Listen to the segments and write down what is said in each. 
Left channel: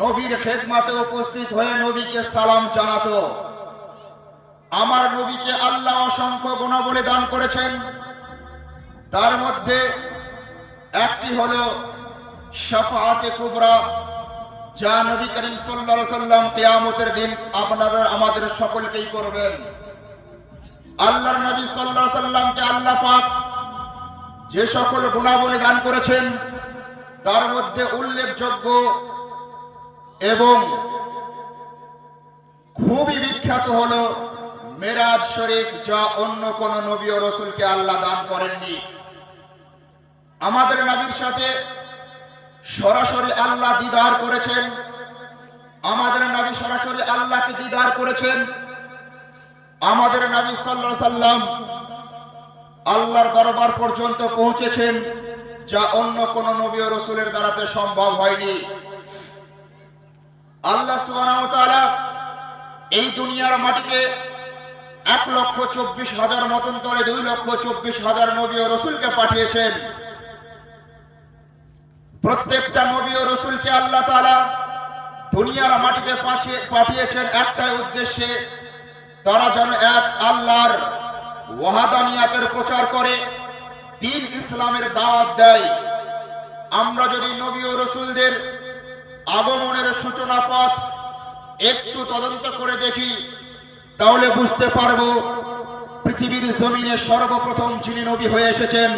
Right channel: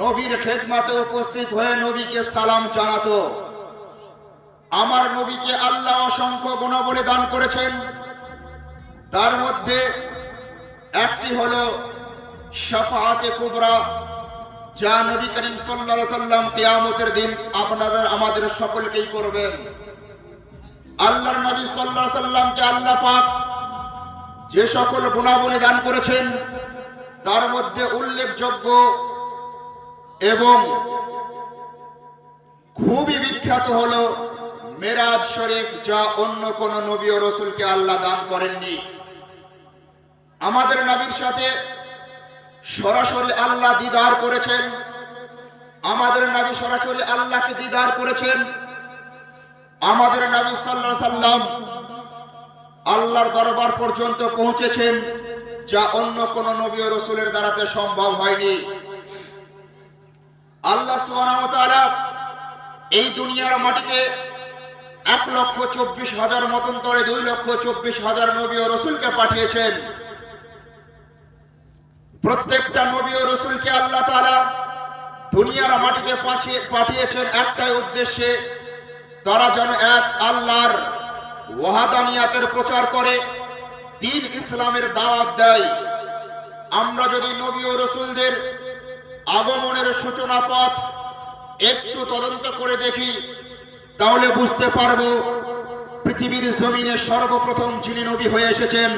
নবীর খেদমতে উপস্থিত হয়ে নবীকে সালাম জানাতো। আমার নবীকে আল্লাহ অসংখ্য গুণাবলী দান করেছেন। তার মধ্যে একটি হলো শাফাআতে কুবরা, যা নবী করিম সাল্লাল্লাহু আলাইহি সাল্লাম কিয়ামতের দিন আপনাদের আমাদের সকলকেই করবেন। আল্লাহর নবী সাল্লাল্লাহু আলাইহি সাল্লামকে আল্লাহ পাক যে সকল গুণাবলী দান করেছেন তার মধ্যে উল্লেখযোগ্য এবং খুবই বিখ্যাত হলো মেরাজ শরীফ, যা অন্য কোন নবী ও রাসূলকে আল্লাহ দান করেননি। আমাদের নবীর সাথে সরাসরি আল্লাহ দিদার করেছেন। আমাদের নবী সরাসরি আল্লাহকে দিদার করেছেন। আমাদের নবী সাল্লাল্লাহু আলাইহি সাল্লাম আল্লাহর দরবার পর্যন্ত পৌঁছেছেন, যা অন্য কোন নবী ও রাসূলের দ্বারাতে সম্ভব হয়নি। আল্লাহ সুবহানাহু ওয়া তাআলা এই দুনিয়ার মাটিতে 1,24,000 মতান্তরে 2,24,000 নবী ও রাসূলকে পাঠিয়েছেন। প্রত্যেকটা নবী ও রাসূলকে আল্লাহ তাআলা দুনিয়ার মাটিতে পাঠিয়েছেন একটাই উদ্দেশ্যে, তারা যেন এক আল্লাহর ওয়াহদানিয়াতের প্রচার করে, দ্বীন ইসলামের দাওয়াত দেয়। আমরা যদি নবী ও রাসূলদের আগমনের সূচনা পথ একটু তদন্ত করে দেখি, তাহলে বুঝতে পারবো পৃথিবীর জমিনে সর্বপ্রথম যিনি নবী হয়ে এসেছেন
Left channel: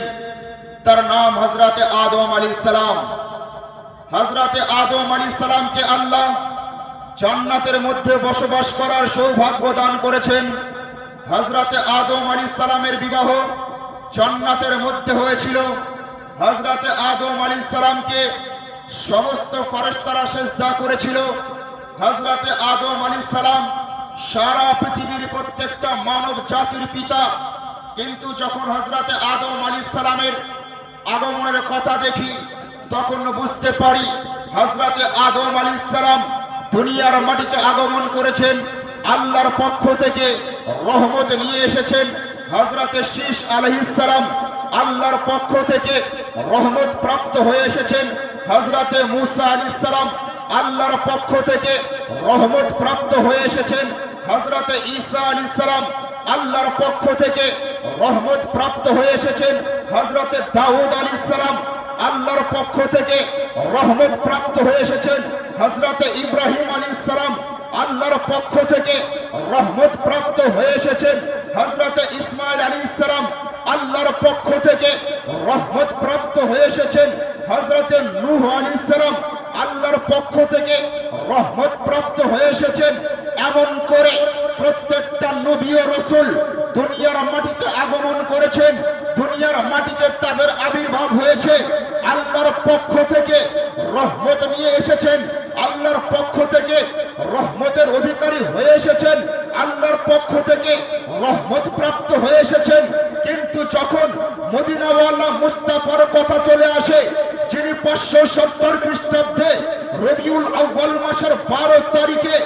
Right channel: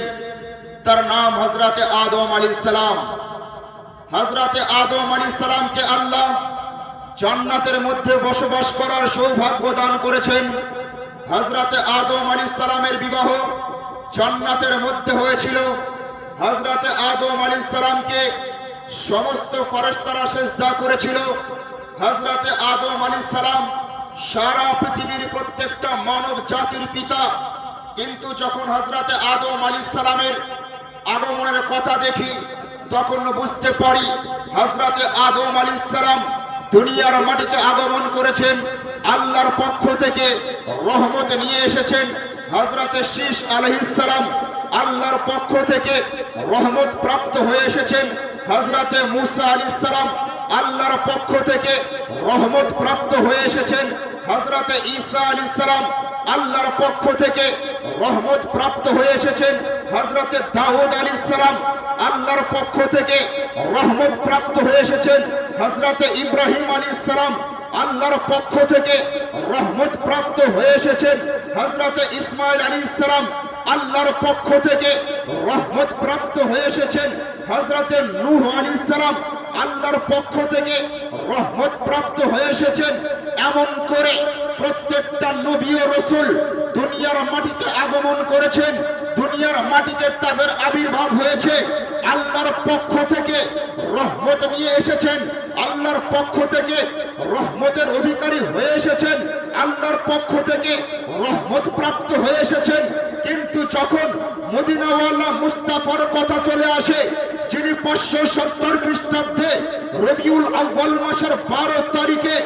তার নাম হযরতে আদম আলাইহিস সালাম। হযরতে আদম আলাইহিস সালামকে আল্লাহ জান্নাতের মধ্যে বসবাস করার সৌভাগ্য দান করেছেন। হযরতে আদম আলাইহিস সালামের বিবাহ জান্নাতের মধ্যে হয়েছিল। হযরতে আদম আলাইহিস সালামকে সমস্ত ফেরেশতারা সিজদা করেছিল। হযরতে আদম আলাইহিস সালাম সারা পৃথিবীর প্রত্যেকটা মানব জাতির পিতা। কিন্তু যখন হযরতে আদম আলাইহিস সালামের আগমনের কথা দেখি, তখন বুঝতে পারি হযরতে আদম আলাইহিস সালাম দুনিয়ার মাটিতে আগমন করেছেন, আল্লাহর পক্ষ থেকে রহমত নিয়ে এসেছেন। হযরতে শীশ আলাইহিস সালাম আল্লাহর পক্ষ থেকে রহমত প্রাপ্ত হয়ে এসেছেন। হযরতে মূসা আলাইহিস সালাম আল্লাহর পক্ষ থেকে রহমত প্রাপ্ত হয়ে এসেছেন। হযরতে ঈসা আলাইহিস সালাম আল্লাহর পক্ষ থেকে রহমত প্রাপ্ত হয়ে এসেছেন। হযরতে দাউদ আলাইহিস সালাম আল্লাহর পক্ষ থেকে রহমত প্রাপ্ত হয়ে এসেছেন। হযরতে ইব্রাহিম আলাইহিস সালাম আল্লাহর পক্ষ থেকে রহমত প্রাপ্ত হয়ে এসেছেন। হযরতে ইসমাঈল আলাইহিস সালাম আল্লাহর পক্ষ থেকে রহমত প্রাপ্ত হয়ে এসেছেন। হযরতে নূহ আলাইহিস সালাম আল্লাহর পক্ষ থেকে রহমত প্রাপ্ত হয়ে এসেছেন। এমন করে প্রত্যেকটা নবী ও রাসূল দুনিয়ার মাটিতে আগমন করেছেন। দুনিয়ার মাটিতে তাদের আবির্ভাব হয়েছে। আল্লাহর পক্ষ থেকে রহমত নিয়ে এসেছেন। আল্লাহর পক্ষ থেকে রহমতের অধিকারী হয়ে এসেছেন। আল্লাহর পক্ষ থেকে রহমত প্রাপ্ত হয়ে এসেছেন। কিন্তু যখন মদিনাওয়ালা মুস্তাফার কথা চলে আসে, যিনি 570 খ্রিস্টাব্দে রবিউল আউয়াল মাসের 12 তারিখে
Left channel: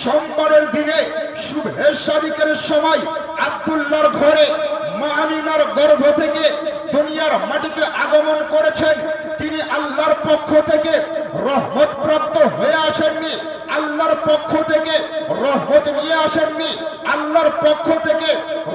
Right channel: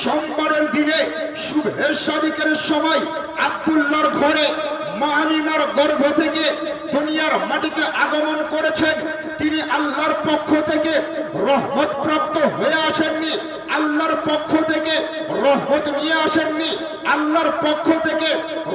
সোমবারের দিনে শুভে সাদিকের সময় আব্দুল্লাহর ঘরে মা আমিনার গর্ভ থেকে দুনিয়ার মাটিতে আগমন করেছেন, তিনি আল্লাহর পক্ষ থেকে রহমত প্রাপ্ত হয়ে আসেননি। আল্লাহর পক্ষ থেকে রহমত নিয়ে আসেননি। আল্লাহর পক্ষ থেকে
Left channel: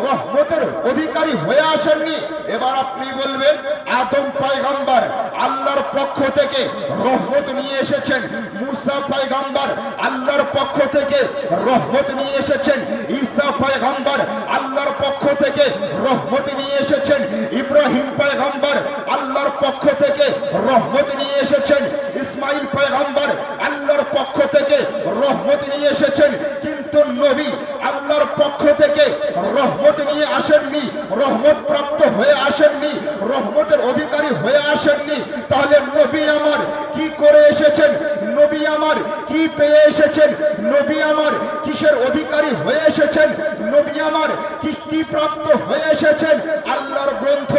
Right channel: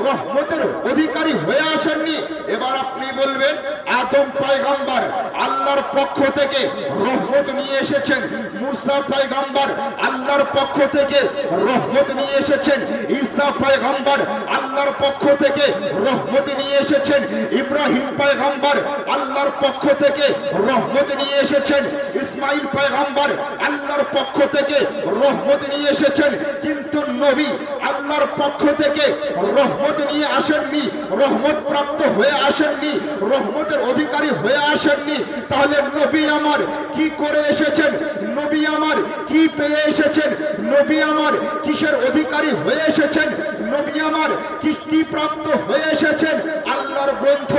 রহমতের অধিকারী হয়ে আসেননি। এবার আপনি বলবেন আদম পয়গম্বর আল্লাহর পক্ষ থেকে রহমত নিয়ে এসেছেন, মূসা পয়গম্বর আল্লাহর পক্ষ থেকে রহমত নিয়ে এসেছেন, ঈসা পয়গম্বর আল্লাহর পক্ষ থেকে রহমত নিয়ে এসেছেন, ইব্রাহিম পয়গম্বর আল্লাহর পক্ষ থেকে রহমত নিয়ে এসেছেন, ইসমাঈল পয়গম্বর আল্লাহর পক্ষ থেকে রহমত নিয়ে এসেছেন। কিন্তু নবী আল্লাহর পক্ষ থেকে রহমত নিয়ে আসেননি, রহমত প্রাপ্ত হয়ে আসেননি, রহমতের অধিকারী হয়ে আসেননি। তাহলে নবী আমার কি করে এসেছেন? নবী আমার কি পেয়ে এসেছেন? নবী আমার কিসের অধিকারী হয়ে এসেছেন? নবী আমার কি প্রাপ্ত হয়ে এসেছেন? আল্লাহর গ্রন্থ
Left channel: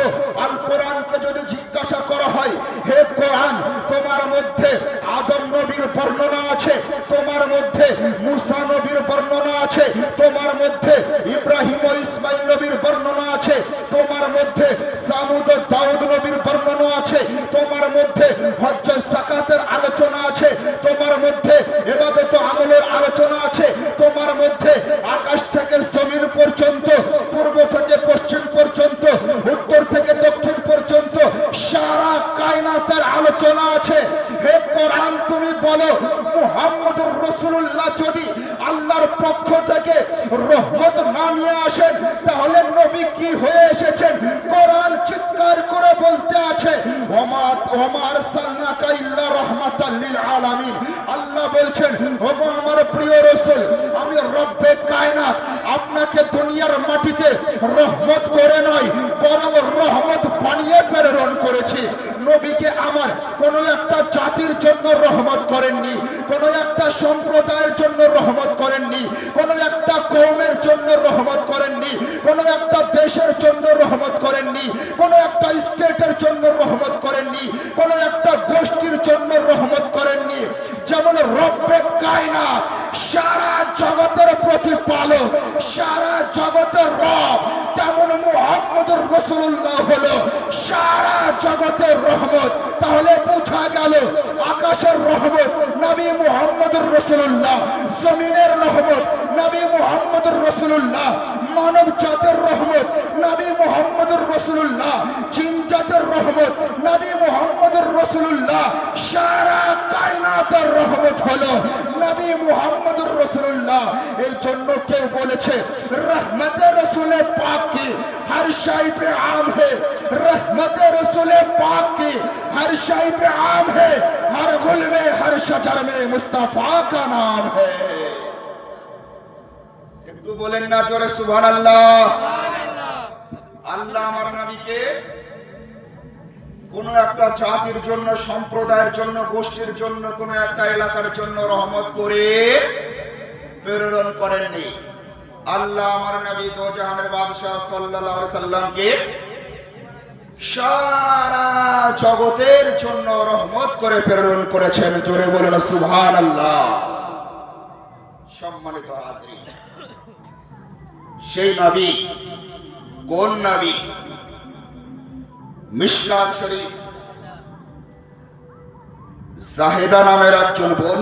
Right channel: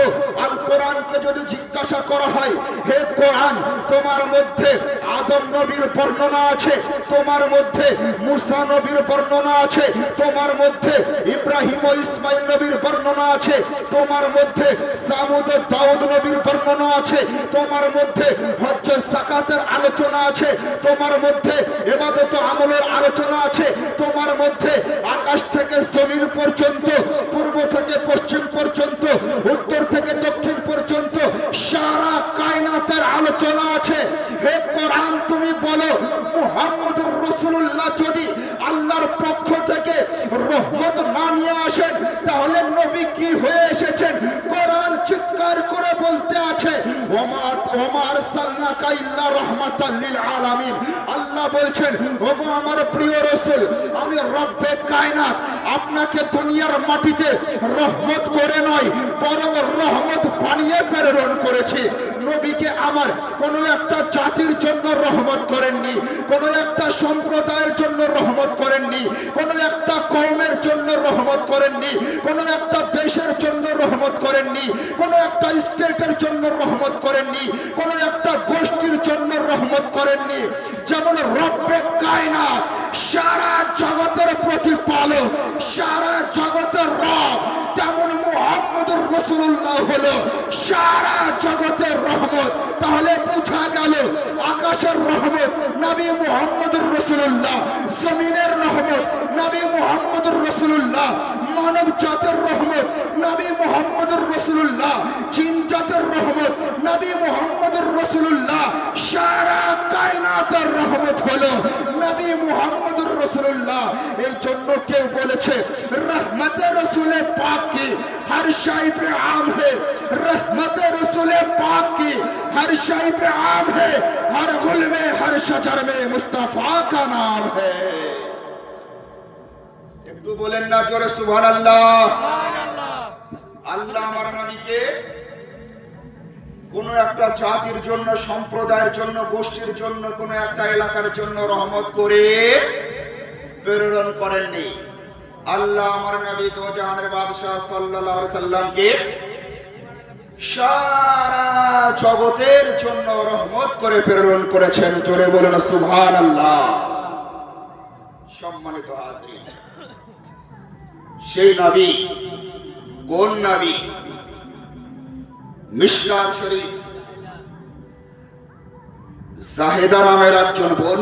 আল কোরআনকে যদি জিজ্ঞাসা করা হয়, হে কোরআন, তোমার মধ্যে আদম নবীর বর্ণনা আছে, তোমার মধ্যে মূসা নবীর বর্ণনা আছে, তোমার মধ্যে ইব্রাহিম ও ইসমাঈল নবীর বর্ণনা আছে, তোমার মধ্যে সামুদ ও দাউদ নবীর বর্ণনা আছে, তোমার মধ্যে হজ্জ যাকাতের আলোচনা আছে, তোমার মধ্যে ইবাদত আমলের আলোচনা আছে তোমার মধ্যে। আকাশ থেকে জমিন পর্যন্ত, পূর্ব থেকে পশ্চিম পর্যন্ত, উত্তর থেকে দক্ষিণ পর্যন্ত সারা কায়নাতের আলোচনা আছে। হে কোরআন, তুমি বলো মুহাম্মদুর রাসূলুল্লাহ যদি আল্লাহর পক্ষ থেকে রহমত না নিয়ে আসেন তাহলে নবী কি হয়ে এসেছেন? কোরআন চিৎকার করে বলতে আছে ওমা আরসালনাকা ইল্লা রাহমাতাল লিল আলামিন। আল্লাহ বলছেন, ওগো আমার প্রিয় রাসূল, আমি রব্বে কায়নাত আপনাকে দুনিয়ার মাটিতে রহমত করে নয় বরং রহমত বানিয়ে প্রেরণ করেছি। নবীকে আমার কোন একটা জাতির জন্য রহমত করেননি, কোন একটা সম্প্রদায়ের জন্য রহমত করেননি, কোন একটা কওমের জন্য রহমত করেননি, কোন একটা দেশের জন্য রহমত করেননি, কোন একটা স্টেটের জন্য রহমত করেননি, কোন একটা গোষ্ঠীর জন্য রহমত করেননি। যেমন রব্বে কায়নাত সারা জগতের প্রতিপালক, সারা জগতের রব, তেমন মুহাম্মদুর রাসূলুল্লাহ হলো সারা জগতের রহমত। তাহলে বোঝা গেল আকাশের রহমত নবী মুহাম্মদুর রাসূলুল্লাহ, জমিনের রহমত নবী মুহাম্মদুর রাসূলুল্লাহ, মানব জাতের রহমত নবী মুহাম্মদুর রাসূলুল্লাহ, জিন জাতের রহমত নবী মুহাম্মদুর রাসূলুল্লাহ, সারা কায়নাতের রহমত হলো নবী মুহাম্মদুর রাসূলুল্লাহ। এই জন্য কেউ বলেছে রহমতে রসুল পাক কি हर शाही पे आम है, रहमत रसूल पाक की हर शाही पे आम है, हर गुल में हर शजर में मुस्तफा का नाम है। একটু বলেন না জোরে সুবহানাল্লাহ। আল্লাহ আমার নবীকে কোন একটা জাতির জন্য, সম্প্রদায়ের জন্য, গোষ্ঠীর জন্য, কোন একটা এলাকার জন্য রহমত করে প্রেরণ করেননি। আল্লাহ আমার নবী তো জাহানের বাদশাহ সাল্লাল্লাহু আলাইহি সাল্লামকে সারা জগতের জন্য রহমত করে প্রেরণ করেছেন। জোরে বলেন সুবহানাল্লাহ। সম্মানিত হাজরিন, সেই নবী কোন নবী? মিশকাত শরীফ জাহেদা নামের একজন বোন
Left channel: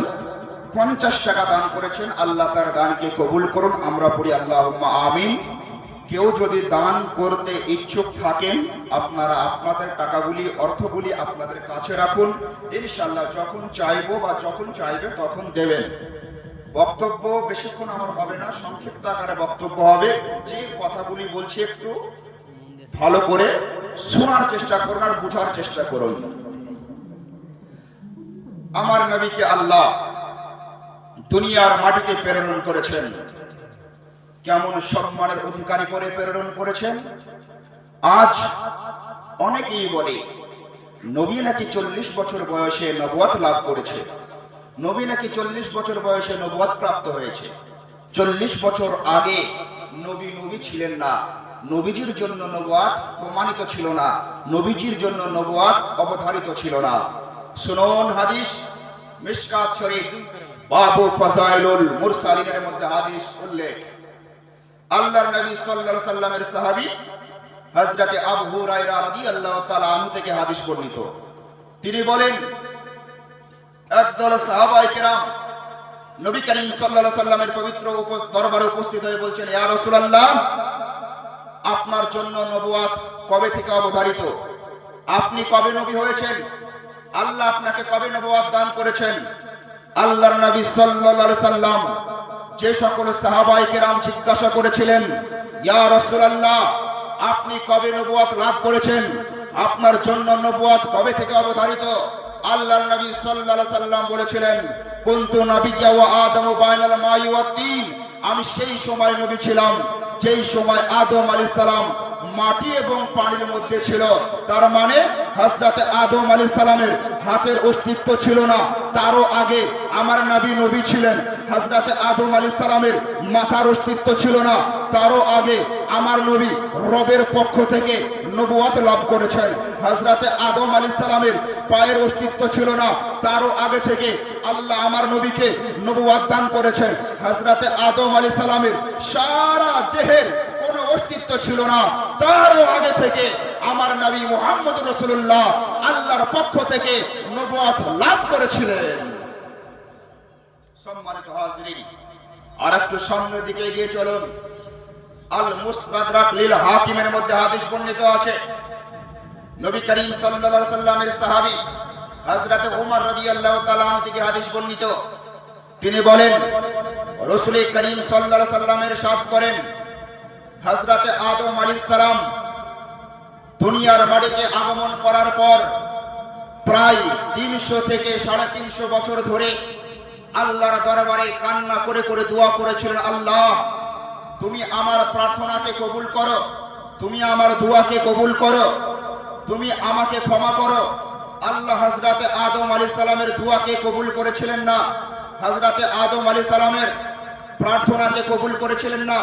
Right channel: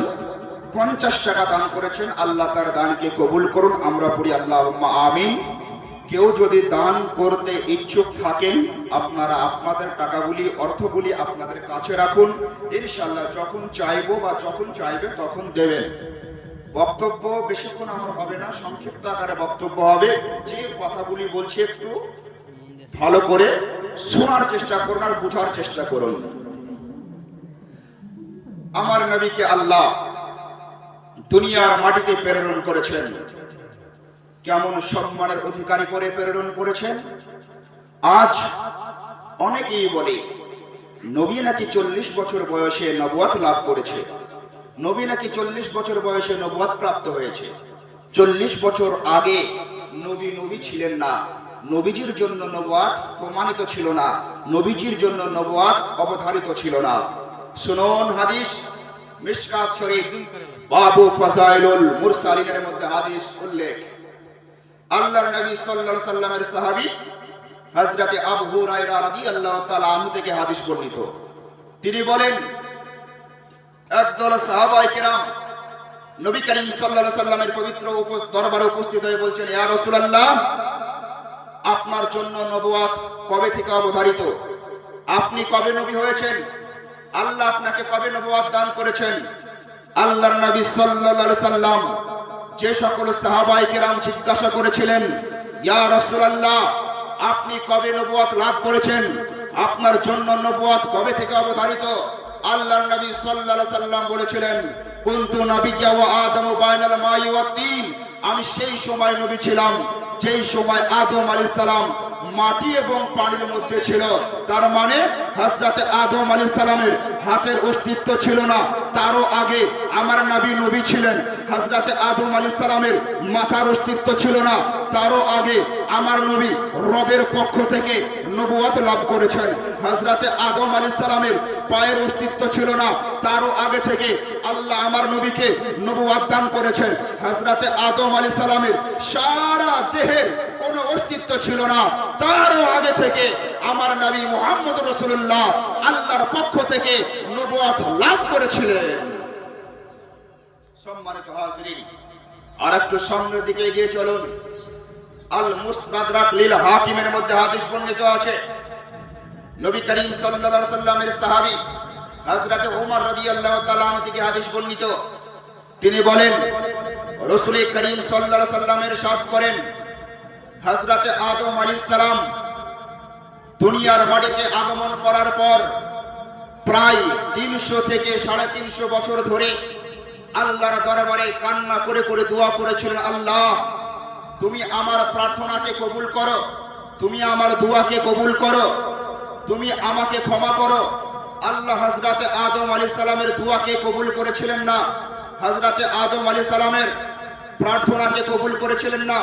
50 টাকা দান করেছেন। আল্লাহ তার দানকে কবুল করুন। আমরা পড়ি আল্লাহুম্মা আমিন। কেউ যদি দান করতে ইচ্ছুক থাকেন আপনারা আপনাদের টাকাগুলি, অর্থগুলি আপনাদের কাছে রাখুন। ইনশাআল্লাহ যখন চাইবো বা যখন চাইবে তখন দেবেন। বক্তব্য বেশিক্ষণ আমার হবে না, সংক্ষিপ্ত আকারে বক্তব্য হবে। যে কথাগুলি বলছি একটু ভালো করে শোনার চেষ্টা করুন আর বোঝার চেষ্টা করুন। আমার নবীকে আল্লাহ দুনিয়ার মাটিতে প্রেরণ করেছেন। কেমন সম্মানের অধিকারী করে প্রেরণ করেছেন। আজ অনেকেই বলে নবী নাকি 40 বছর বয়সে নবুয়ত লাভ করেছে, নবী নাকি 40 বছর বয়সে নবুয়ত প্রাপ্ত হয়েছে। 40 বছর আগে নবী ছিলেন না, নবীজির জন্য নবুয়ত প্রমাণিত ছিল না, নবীজির জন্য নবুয়ত অবধারিত ছিল না। শুনুন হাদিস, মিশকাত শরীফ বাবু ফাযাইলুল মুরসালিনের মধ্যে হাদিস উল্লেখ। আল্লাহর নবী সাল্লাল্লাহু আলাইহি সাল্লামের সাহাবী হযরত আবু হুরায়রা রাদিয়াল্লাহু তাআলা আনহু থেকে হাদিস বর্ণিত। তিনি বলেন, একদল সাহাবায়ে কেরাম নবী করিম সাল্লাল্লাহু আলাইহি সাল্লামের পবিত্র দরবারে উপস্থিত হয়ে বলছেন, ইয়া রাসূলুল্লাহ, আপনার জন্য নবুয়ত কবে থেকে অবধারিত? আপনি কবে নবী হয়েছেন? আল্লাহ আপনাকে কবে নবুয়ত দান করেছেন? আল্লাহর নবী সাল্লাল্লাহু আলাইহি সাল্লাম যে সকল সাহাবায়ে কেরাম জিজ্ঞাসা করেছিলেন, ইয়া রাসূলুল্লাহ, আপনি কবে নবুয়ত লাভ করেছেন? আপনার জন্য নবুয়ত কবে থেকে অবধারিত? আল্লাহর নবী সাল্লাল্লাহু আলাইহি সাল্লাম বলেছিলেন, কুনতু নাবিয়্যা ওয়া আদামু বাইনাল মাই ওয়াত তিন। আমি সেই সময় নবী ছিলাম যেই সময় আদম আলাইহিস সালাম মাটি এবং পানির মধ্যে ছিল। তার মানে হযরত আদম আলাইহিস সালামের হাতের অস্তিত্ব ছিল না, তারও আগে আমার নবী ছিলেন। হযরত আদম আলাইহিস সালামের মাথার অস্তিত্ব ছিল না, তারও আগে আমার নবী রবের পক্ষ থেকে নবুয়ত লাভ করেছেন। হযরত আদম আলাইহিস সালামের পায়ের অস্তিত্ব ছিল না, তারও আগে থেকে আল্লাহ আমার নবীকে নবুয়ত দান করেছেন। হযরত আদম আলাইহিস সালামের সারা দেহের কোনো অস্তিত্ব ছিল না, তারও আগে থেকে আমার নবী মুহাম্মদ রাসূলুল্লাহ আল্লাহর পক্ষ থেকে নবুয়ত লাভ করেছিলেন। সম্মানিত হাজিরিন, আর একটু সামনের দিকে এগিয়ে চলুন। আল মুস্তাদরাক লিল হাকিমের মধ্যে হাদিস বর্ণিত আছে, নবী করিম সাল্লাল্লাহু আলাইহি ওয়াসাল্লামের সাহাবী হযরত ওমর রাদিয়াল্লাহু তাআলা আনহু থেকে হাদিস বর্ণিত। তিনি বলেন, রাসূল করিম সাল্লাল্লাহু আলাইহি ওয়াসাল্লামের ইরশাদ করেন, হযরত আদম আলাইহিস সালাম দুনিয়ার মাটিতে আগমন করার পর প্রায় 300 থেকে 350 বছর ধরে আল্লাহর দরবারে কান্না করে করে দোয়া করেছিলেন, আল্লাহ তুমি আমার প্রার্থনাকে কবুল করো, তুমি আমার দোয়াকে কবুল করো, তুমি আমাকে ক্ষমা করো। আল্লাহ হযরত আদম আলাইহিস সালামের দোয়াকে কবুল করেছিলেন না, হযরত আদম আলাইহিস সালামের প্রার্থনাকে কবুল করেছিলেন না।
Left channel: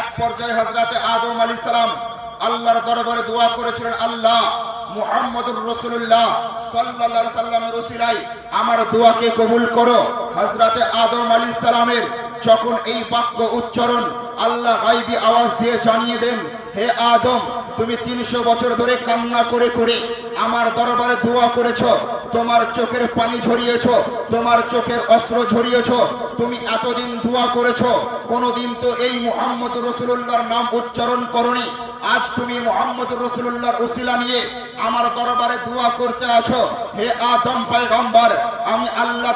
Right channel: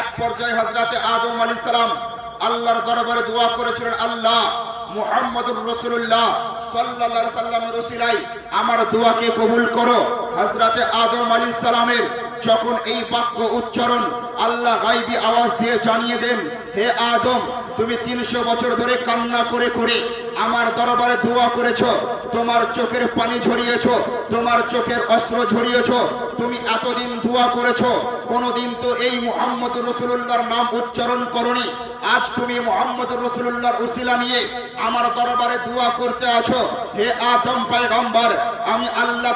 এক পর্যায়ে হযরত আদম আলাইহিস সালাম আল্লাহর দরবারে দোয়া করেছিলেন, আল্লাহ মুহাম্মদুর রাসূলুল্লাহ সাল্লাল্লাহু আলাইহি ওয়াসাল্লামের ওসিলায় আমার দোয়াকে কবুল করো। হযরত আদম আলাইহিস সালামের যখন এই বাক্য উচ্চারণ আল্লাহ গায়বী আওয়াজ দিয়ে জানিয়ে দেন, হে আদম তুমি 300 বছর ধরে কান্না করে করে আমার দরবারে দোয়া করেছো, তোমার চোখের পানি ঝরিয়েছো, তোমার চোখের অস্ত্র ঝরিয়েছো, তুমি এতদিন দোয়া করেছো, কোনদিন তো এই মুহাম্মদ রাসূলুল্লাহর নাম উচ্চারণ করনি। আজ তুমি মুহাম্মদ রাসূলুল্লাহর ওসিলা নিয়ে আমার দরবারে দোয়া করতে আছো। হে আদম পয়গম্বর, আমি আল্লাহ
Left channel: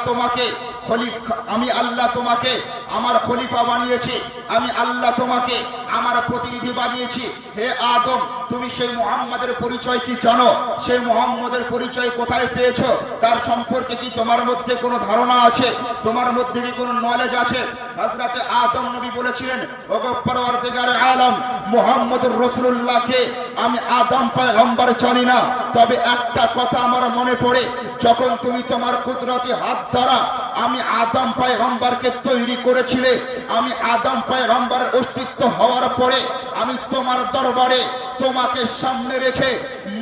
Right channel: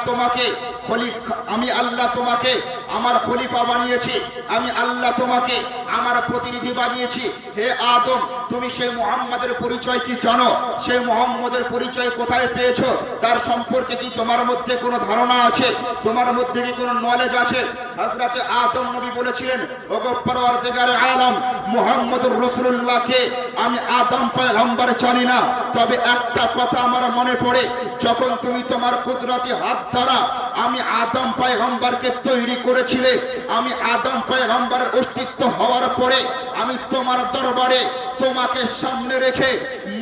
তোমাকে আমার খলিফা বানিয়েছি, আমি আল্লাহ তোমাকে আমার প্রতিনিধি বানিয়েছি। হে আদম তুমি সেই মুহাম্মাদের পরিচয় কি জানো? সেই মুহাম্মাদের পরিচয় কোথায় পেয়েছো? তার সম্পর্কে কি তোমার মধ্যে কোনো ধারণা আছে? তোমার মধ্যে কি কোনো নলেজ আছে? হযরত আদম নবী বলেছিলেন, ওগো পরওয়ারদিগার আলম মুহাম্মদুর রাসূলুল্লাহকে আমি আদম পয়গম্বর জানি না, তবে একটা কথা আমার মনে পড়ে, যখন তুমি তোমার কুদরতি হাত দ্বারা আমি আদম পয়গম্বরকে তৈরি করেছিলে, আমি আদম পয়গম্বরের অস্তিত্ব হওয়ার পরে আমি তোমার দরবারে তোমাকে সামনে রেখে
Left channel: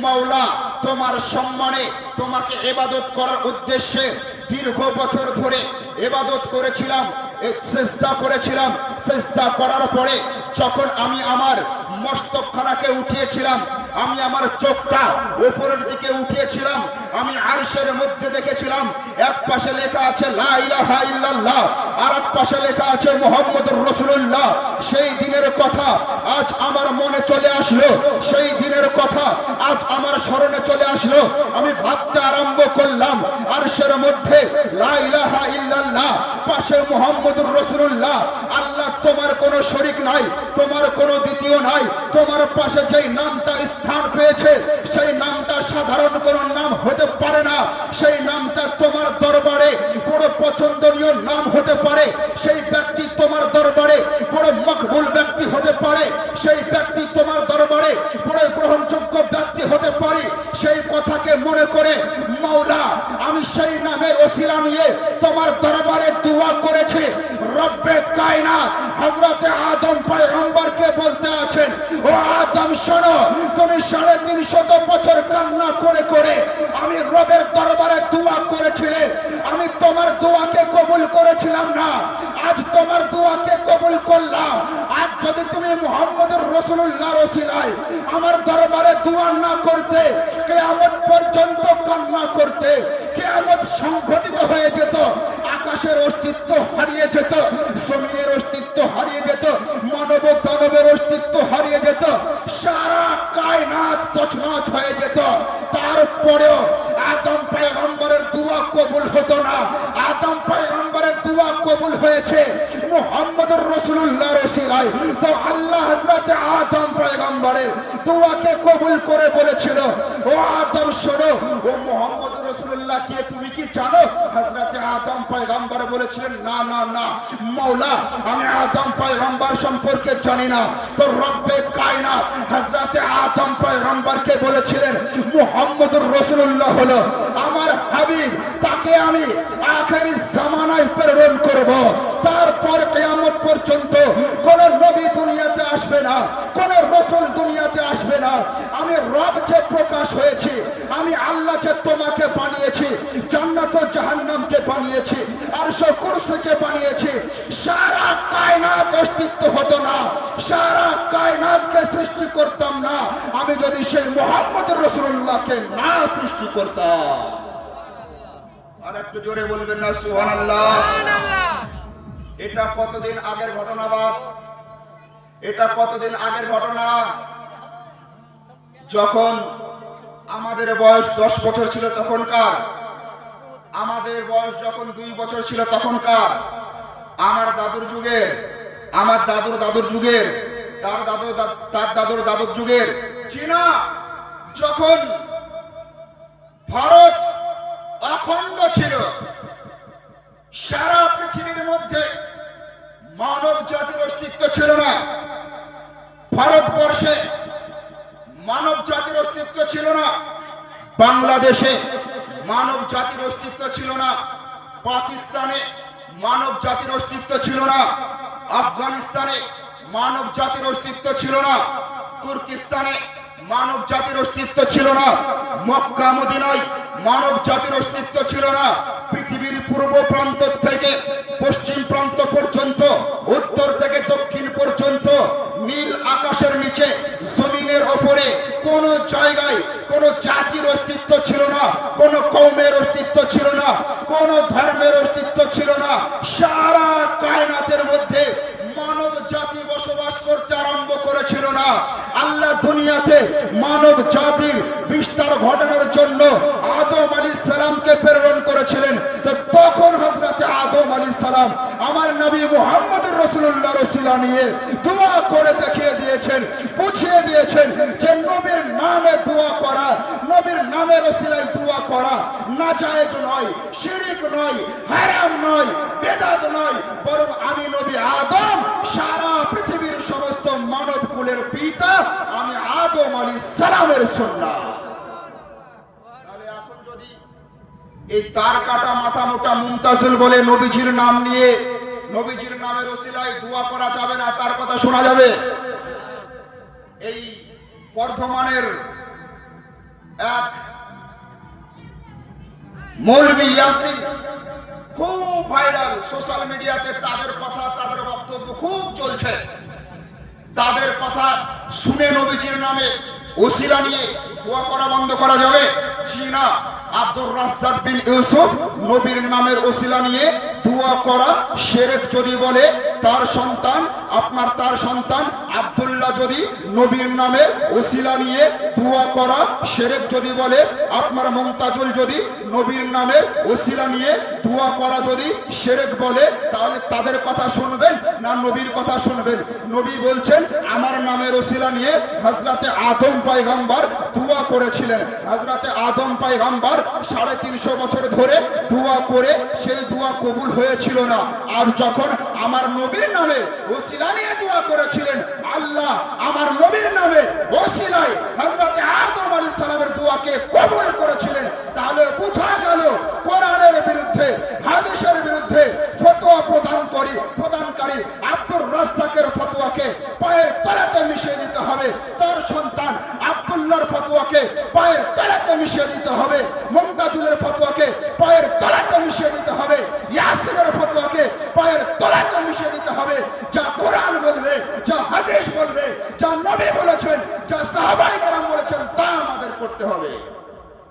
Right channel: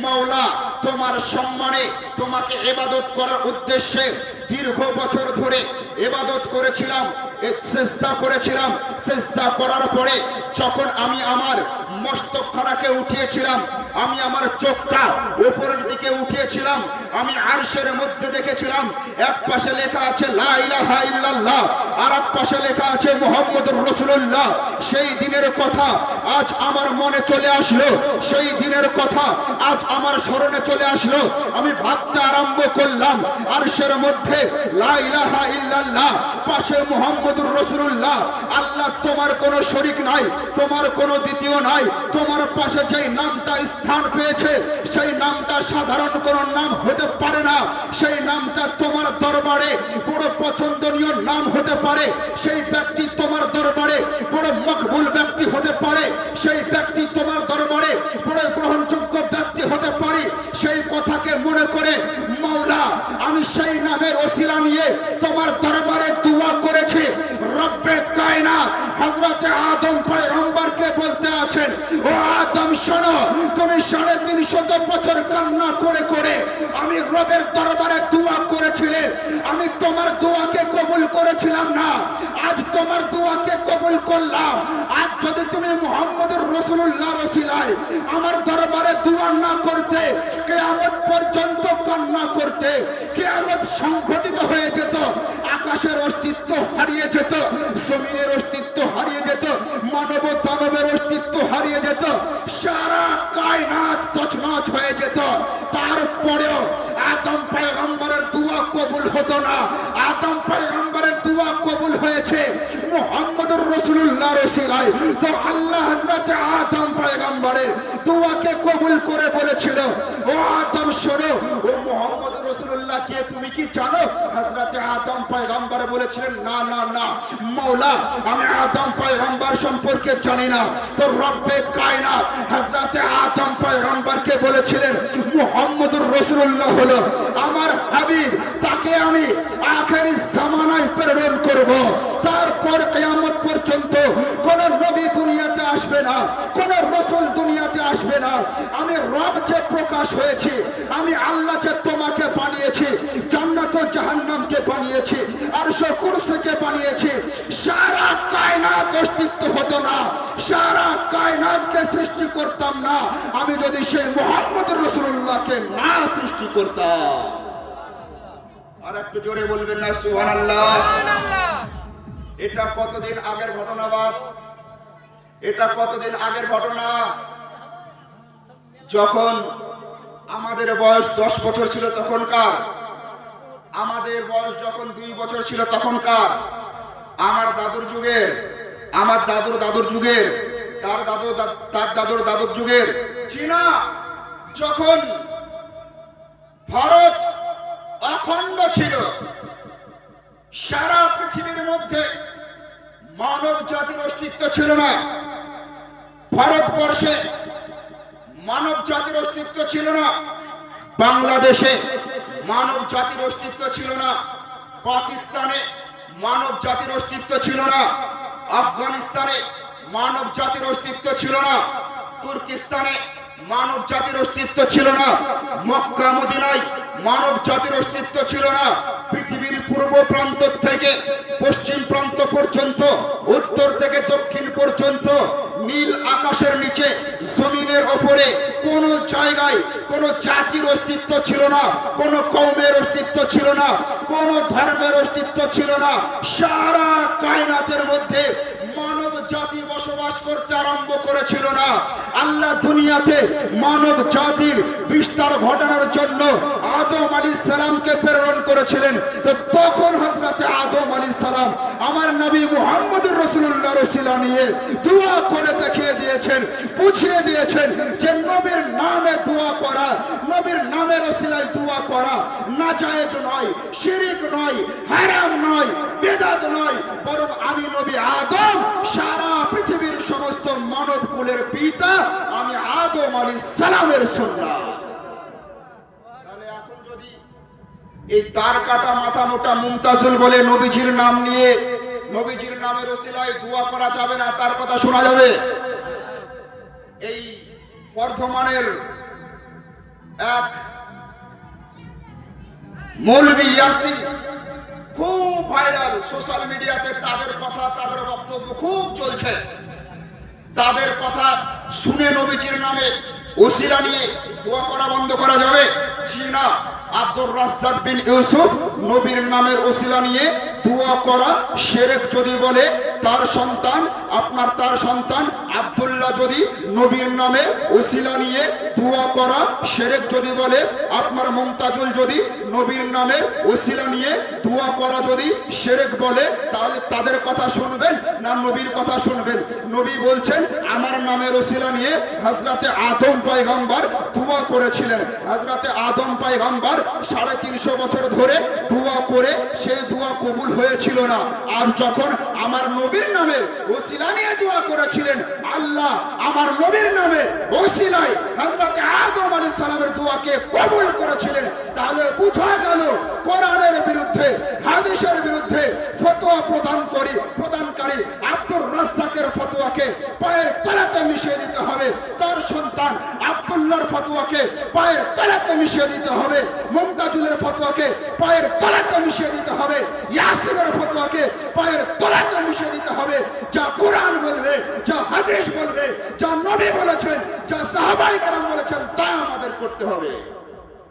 মাওলা তোমার সম্মানে তোমাকে ইবাদত করার উদ্দেশ্যে দীর্ঘ বছর ধরে ইবাদত করেছিলাম, চেষ্টা করেছিলাম। চেষ্টা করার পরে যখন আমি আমার মস্তকখানাকে উঠিয়েছিলাম, আমি আমার চোখটা উপরের দিকে উঠিয়েছিলাম, আমি আরশের মধ্যে দেখেছিলাম এক পাশে লেখা আছে লা ইলাহা ইল্লাল্লাহ, আর এক পাশে লেখা আছে মুহাম্মদুর রাসূলুল্লাহ। সেই দিনের কথা আজ আমার মনে চলে আসলো, সেই দিনের কথা আজ আমার স্মরণে চলে আসলো। আমি ভাবতে আরম্ভ করলাম, আরশের মধ্যে লা ইলাহা ইল্লাল্লাহ, পাশে মুহাম্মদুর রাসূলুল্লাহ। আল্লাহ তোমার কোনো শরীক নাই, তোমার কোনো দ্বিতীয় নাই। তোমার পাশে যেই নামটা স্থান পেয়েছে সেই নামটা সাধারণ কোনো নাম হতে পারে না, সেই নামটা তোমার দরবারে বড় পছন্দনীয় নাম হতে পারে। সেই ব্যক্তি তোমার দরবারে বড় মকবুল ব্যক্তি হতে পারে, সেই ব্যক্তি তোমার দরবারে বড় গ্রহণযোগ্য ব্যক্তি হতে পারে। সেই কথাকে মনে করে মাওলা আমি সেই নামের ওসিলা নিয়ে তোমার দরবারে দোয়া করেছি। রব্বে কায়নাত হযরত আদম পয়গম্বরকে বলতে আছেন, ও আদম শোনো, তুমি 350 বছর কান্না করে করে আমি রবের দরবারে দোয়া করেছিলে, আমি তোমার দোয়াকে কবুল করেছিলাম না, আজ তোমার দোয়াকে কবুল করলাম। আজ যদি তুমি মুহাম্মদুর রাসূলুল্লাহর ওসিলায় আমার দরবারে দোয়া না করতে, কিয়ামত পর্যন্ত কান্না করতে, কিয়ামত সংঘটিত হয়ে যেত, আকাশের অস্তিত্ব হারিয়ে যেত, জমিনের অস্তিত্ব হারিয়ে যেত, মানব দানবের অস্তিত্ব হারিয়ে যেত, সারা কায়নাত তছনছ হয়ে যেত। তারপরেও আদম পয়গম্বরের দোয়া কবুল হতো না। আদম পয়গম্বরের দোয়া কবুল হয়েছে মুহাম্মদুর রাসূলুল্লাহর ওসিলায়। তো আল্লাহ হযরত আদম পয়গম্বরের দোয়াকে কবুল করে বলেছিল, ও আদম শোনো, ও মুহাম্মদুর রাসূলুল্লাহ কে তুমি কি জানো? হযরত আদম পয়গম্বর বলেছিলেন, না না না মাওলা, আমি আদম পয়গম্বর সম্পর্কে জানি না। তো রব্বে কায়নাত হযরত আদম পয়গম্বরকে বলেছিলেন, মুহাম্মদুর রাসূলুল্লাহ হলো আমার হাবিব, তাকে আমি আখেরি জামানায় প্রেরণ করব। তারপর কিয়ামত পর্যন্ত কোন নবী দুনিয়াতে আসবে না, কোন রাসূল দুনিয়াতে আসবে না। আমি রব যে প্রকাশ হয়েছি, আমি আল্লাহ যে তোমাকে বানিয়েছি, জান্নাত ও জাহান্নামকে বানিয়েছি, আরশ ও কুরসিকে বানিয়েছি, সারা কায়নাত অস্তিত্ব হতো না, সারা কায়নাতকে সৃষ্টি করতাম না আমি যদি সেই মুহাম্মদুর রাসূলুল্লাহকে না সৃষ্টি করতাম। আর একটু জোরে বলবেন না সুবহানাল্লাহ। এটা কতদিন আগের ঘটনা বাপ? এটা কতদিন আগের ঘটনা? যখন আমাদের বয়স 10 বছর ছিল তখনকার, আমাদের বয়স যখন 2 বছর ছিল তখনকার, আমার দাদুর যুগের, আমার দাদুর দাদুর যুগের, তার দাদুর দাদুর যুগের চীনা, যখন ভারত অখণ্ড ছিল, সারা পৃথিবীর মধ্যে মানব জাতির অস্তিত্ব ছিল না। ভারতবর্ষে মানব জাতির অস্তিত্ব ছিল না, বাংলাদেশে মানব জাতির অস্তিত্ব ছিল না, পাকিস্তানে মানব জাতির অস্তিত্ব ছিল না, আফগানিস্তানে মানব জাতির অস্তিত্ব ছিল না, তুর্কিস্তানে মানব জাতির অস্তিত্ব ছিল না, মক্কা মদিনায় মানব জাতির অস্তিত্ব ছিল না। পৃথিবীর পূর্ব প্রান্ত থেকে পশ্চিম প্রান্ত পর্যন্ত, উত্তর থেকে দক্ষিণ পর্যন্ত, নীল আকাশের নিচে, জমিনের ওপরে কোন জায়গায় কোন জাতির অস্তিত্ব ছিল না, কোন কওমের অস্তিত্ব ছিল না, কোন ধর্মের অস্তিত্ব ছিল না। সারা কায়নাতের মধ্যে মানব জাতি বসবাস করতে আরম্ভ করেছিল না। আল্লাহ দুনিয়াতে মানব জাতির বিস্তার ঘটানোর জন্য আদম আলাইহিস সালামকে প্রেরণ করেছিলেন। তো তখন হযরত আদম আলাইহিস সালাম আমার নবী মুহাম্মদুর রাসূলুল্লাহর ওসিলা নিয়ে দোয়া করে দেখিয়ে দিয়েছেন, বুঝিয়ে দিয়েছেন যে নবীর নামে দোয়া করা, নবীর নামের ওসিলায় দোয়া করা নাজায়েজ নয়, শিরক নয়, হারাম নয়, বেদাত নয়, বরং আমি নবী আদম সারা পৃথিবীর সমস্ত মানব কুলের পিতা, আমি আদম আলাইহিস সালামের সুন্নাহ। তাহলে এখন যদি এই তার কাটা মাথা মোটা মুমতাজুল বলে নবীজির নাম নিয়ে, নবীজির নামের ওসিলায় দোয়া করা যাবে না, তার কথা শোনা যাবে? এই বর্ধমানের এক মৌলভী ইয়াসিন খুব ভাইরাল, সোশ্যাল মিডিয়াতে তাদের কথা, তাদের বক্তব্য খুব চলছে। তাদের কথা শুনে নবীজির নামে ওসিলা নিয়ে দোয়া করা বন্ধ করা যাবে? জি না। আব্দুর রাজ্জাক বিন ইউসুফ নবীর নামের ওসিলা নিয়ে দোয়া করা শিরক যদি বলে, তার সন্তান তার সন্তান আব্দুল্লাহ যদি নবীর নামের ওসিলা নিয়ে দোয়া করা শিরক যদি বলে, আপনার মুমতাজুল যদি নবীর নামের ওসিলা নিয়ে দোয়া করা যদি শিরক বলে, তাহলে তাদের কথা শুনবেন না নবীর কথা শুনবেন? নবী বলছেন আমার নামের ওসিলা নিয়ে হযরতে আদম পয়গম্বর দোয়া করেছিলেন। হযরতে আদম পয়গম্বর 350 বছর ধরে দোয়া করে সেই দোয়া কবুল হয়েছিল না। আর যখন আমার নবীর নামে ওসিলা নিয়ে দোয়া করেছিলেন, আল্লাহ আমার নবীর নামে ওসিলায় হযরত আদম আলাইহিস সালামের দোয়াকে কবুল করেছিলেন। তাহলে বোঝা গেল কোরআনের বিরুদ্ধে, হাদিসের বিরুদ্ধে ফতোয়া প্রদানকারী আব্দুর রাজ্জাকের ফতোয়াকে পায়ের তলাতে মিশিয়ে দিতে হবে, তার সন্তান আব্দুল্লাহর ফতোয়াকে পায়ের তলাতে মিশিয়ে দিতে হবে, মুমতাজুলের ফতোয়াকে পায়ের তলাতে মিশিয়ে দিতে হবে, ইয়াসিনের ফতোয়াকে পায়ের তলাতে মিশিয়ে দিতে হবে। যা কোরআন বলবে, যা হাদিস বলবে, যা নবী বলেছেন, যা সাহাবায়ে কেরাম বলেছেন, তা আমাদের করতে হবে,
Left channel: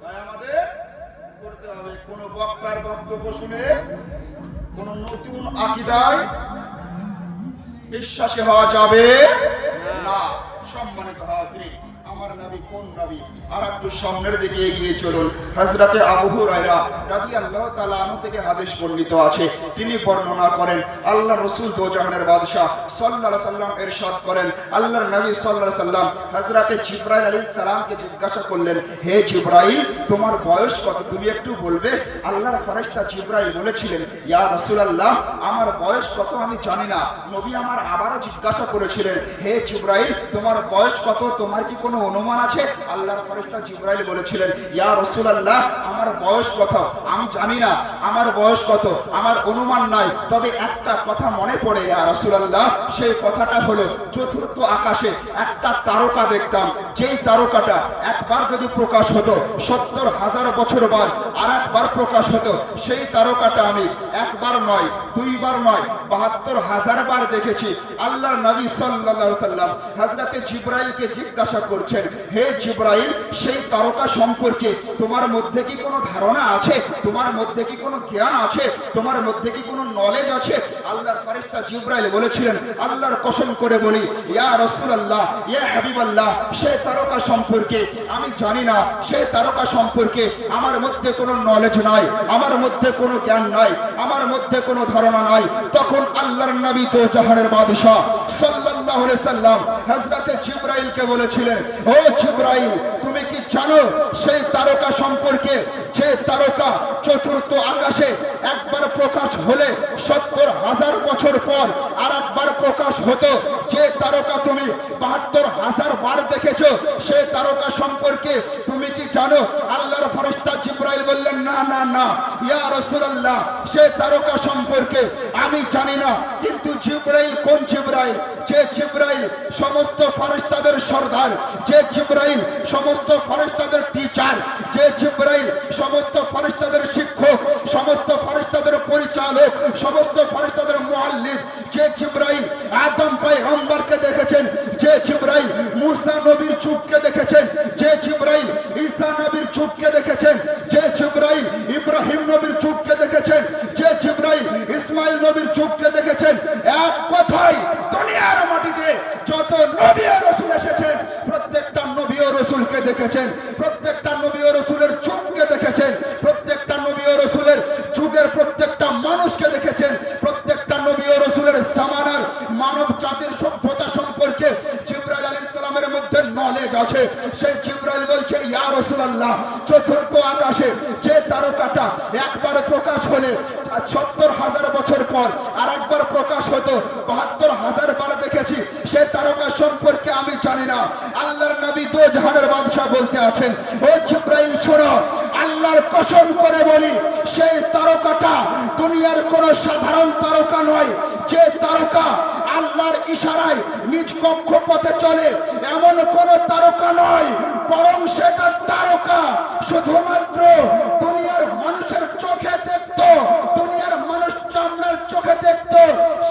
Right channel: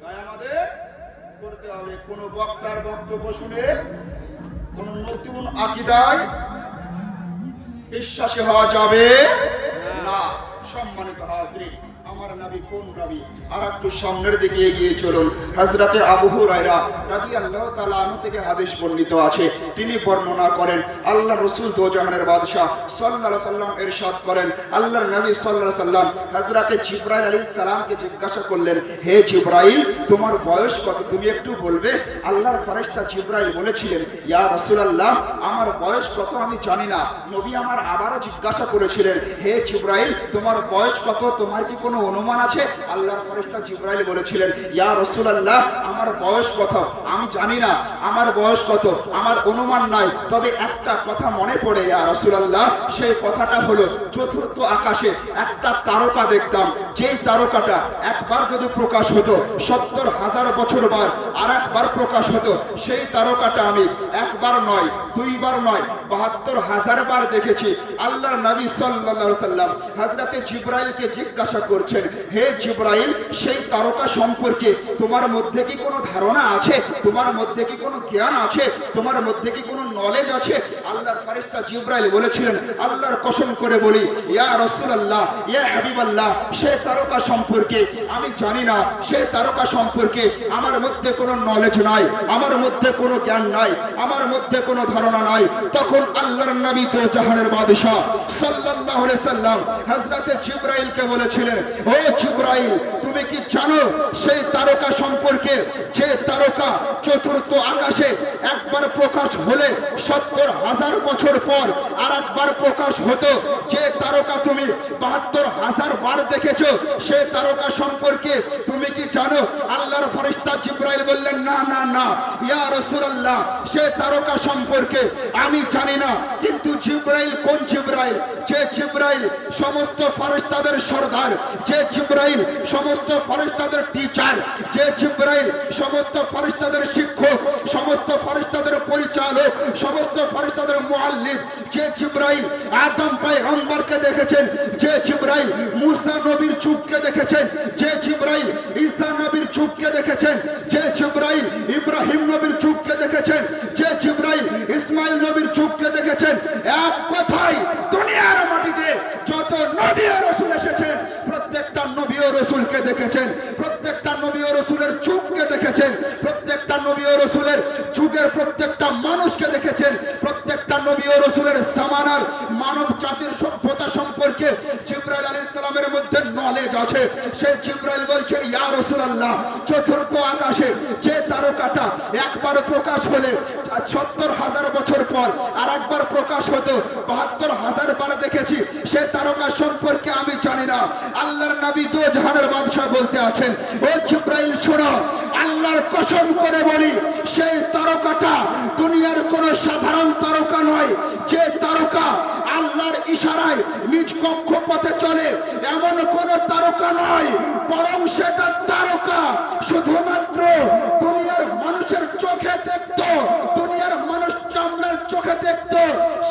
তাই আমাদের করতে হবে। কোন বক্তার বক্তব্য শুনে কোন নতুন আকীদায় বিশ্বাসী হওয়া যাবে না। সম্মানিত হাজরিন, আমার নবী কোন নবী? আর একটু সামনের দিকে এগিয়ে চলুন। হযরতে আবু হুরায়রা রাদিয়াল্লাহু তাআলা আনহু থেকে হাদিস বর্ণিত আছে, তিনি বর্ণনা করেন আল্লাহর রাসূল দোজাহানের বাদশা সাল্লাল্লাহু আলাইহি সাল্লাম ইরশাদ করেন, আল্লাহর নবী সাল্লাল্লাহু আলাইহি সাল্লাম হযরতে জিবরাইল আলাইহিস সালামকে জিজ্ঞাসা করলেন, হে জিবরাইল তোমার বয়স কত, তুমি একটু বলবে? আল্লাহর ফেরেশতা জিবরাইল বলেছিলেন, ইয়া রাসূলুল্লাহ আমার বয়স কত আমি জানি না। নবী আমার আবারও জিজ্ঞাসা করেছিলেন, হে জিবরাইল তোমার বয়স কত, তোমার কি কোনো অনুমান আছে? আল্লাহর ফেরেশতা জিবরাইল বলেছিলেন, ইয়া রাসূলুল্লাহ আমার বয়স কত আমি জানি না, আমার বয়স কত আমার অনুমান নাই, তবে একটা কথা মনে পড়ে ইয়া রাসূলুল্লাহ, সেই কথাটা হলো চতুর্থ আকাশে একটা তারকা দেখতাম, যেই তারকাটা একবার যদি প্রকাশ হতো 70,000 বছর বার আর একবার প্রকাশ হতো, সেই তারকাটা আমি একবার নয়, দুইবার নয়, 72,000 বার দেখেছি। আল্লাহর নবী সাল্লাল্লাহু আলাইহি সাল্লাম হযরতে জিবরাইলকে জিজ্ঞাসা করছেন, হে জিবরাইল সেই তারকা সম্পর্কে তোমার মধ্যে কি কোনো ধারণা আছে? তোমার মধ্যে কি কোনো জ্ঞান আছে? তোমার মধ্যে কি কোনো নলেজ আছে? আল্লাহর ফেরেশতা জিবরাইল বলেছিলেন, আল্লাহর কসম করে বলি ইয়া রাসূলুল্লাহ, ইয়া হাবিবাল্লাহ, সে তারকা সম্পর্কে আমি জানি না, সে তারকা সম্পর্কে আমার মধ্যে কোনো নলেজ নাই, আমার মধ্যে কোনো জ্ঞান নাই, আমার মধ্যে কোনো ধারণা নাই। তখন আল্লাহর নবী তো জাহানের বাদশা সাল্লাল্লাহু আলাইহি সাল্লাম হযরতে জিবরাইলকে বলেছিলেন, ও জিবরাইল, তুমি কি জানো সেই তারকা সম্পর্কে, যে তারকা চতুর্থ আকাশে একবার প্রকাশ হলে ৭০,০০০ বছর পর আর একবার প্রকাশ হতো, যে তারকা তুমি ৭২,০০০ বার দেখেছো, সে তারকা সম্পর্কে তুমি কি জানো? আল্লাহর ফেরেশতা জিবরাইল বললেন, না না না ইয়া রাসূলুল্লাহ, সে তারকা সম্পর্কে আমি জানি না। কিন্তু জিবরাইল কোন জিবরাইল? যে জিবরাইল সমস্ত ফেরেশতাদের সরদার, যে জিবরাইল সমস্ত ফেরেশতাদের টিচার, যে জিবরাইল সমস্ত ফেরেশতাদের শিক্ষক, সমস্ত ফেরেশতাদের পরিচালক, সমস্ত ফেরেশতাদের মুআল্লিম, যে জিবরাইল আদম পয়গম্বরকে দেখেছেন, যে জিবরাইল মুসা নবীর যুগকে দেখেছেন, যে জিবরাইল ঈসা নবীর যুগকে দেখেছেন, যে জিবরাইল ইব্রাহিম নবীর যুগকে দেখেছেন, যে জিবরাইল ইসমাইল নবীর যুগকে দেখেছেন, এক কথায় দুনিয়ার মাটিতে যত নবী ও রাসূল এসেছেন প্রত্যেকটা নবী ও রাসূলকে দেখেছেন, প্রত্যেকটা নবী ও রাসূলের যুগকে দেখেছেন, প্রত্যেকটা নবী ও রাসূলের যুগের প্রত্যেকটা মানুষকে দেখেছেন, প্রত্যেকটা নবী ও রাসূলের জামানার মানব জাতির সভ্যতা সম্পর্কে জিবরাইল আলাইহিস সালামের মধ্যে নলেজ আছে। সেই জিবরাইল বলছেন, ইয়া রাসূলুল্লাহ, চতুর্থ আকাশে যে তারকাটা একবার প্রকাশ হলে ৭০,০০০ বছর পর আর একবার প্রকাশ হতো, ৭২,০০০ বার দেখেছি, সে তারকা সম্পর্কে আমি জানি না। আল্লাহর নবী দো জাহানের বাদশা বলতে আছেন, ও জিবরাইল শোনো, আল্লাহর কসম করে বলি, সেই তারকাটা দুনিয়ার কোন সাধারণ তারকা নয়। যে তারকা আল্লাহর ইশারায় নিজ কক্ষপথে চলে এমন কোন তারকা নয়, বরং সেটা তারকা শুধুমাত্র দুনিয়ার মানুষের চোখে দেখত, দুনিয়ার মানুষ চামড়ার চোখে দেখত,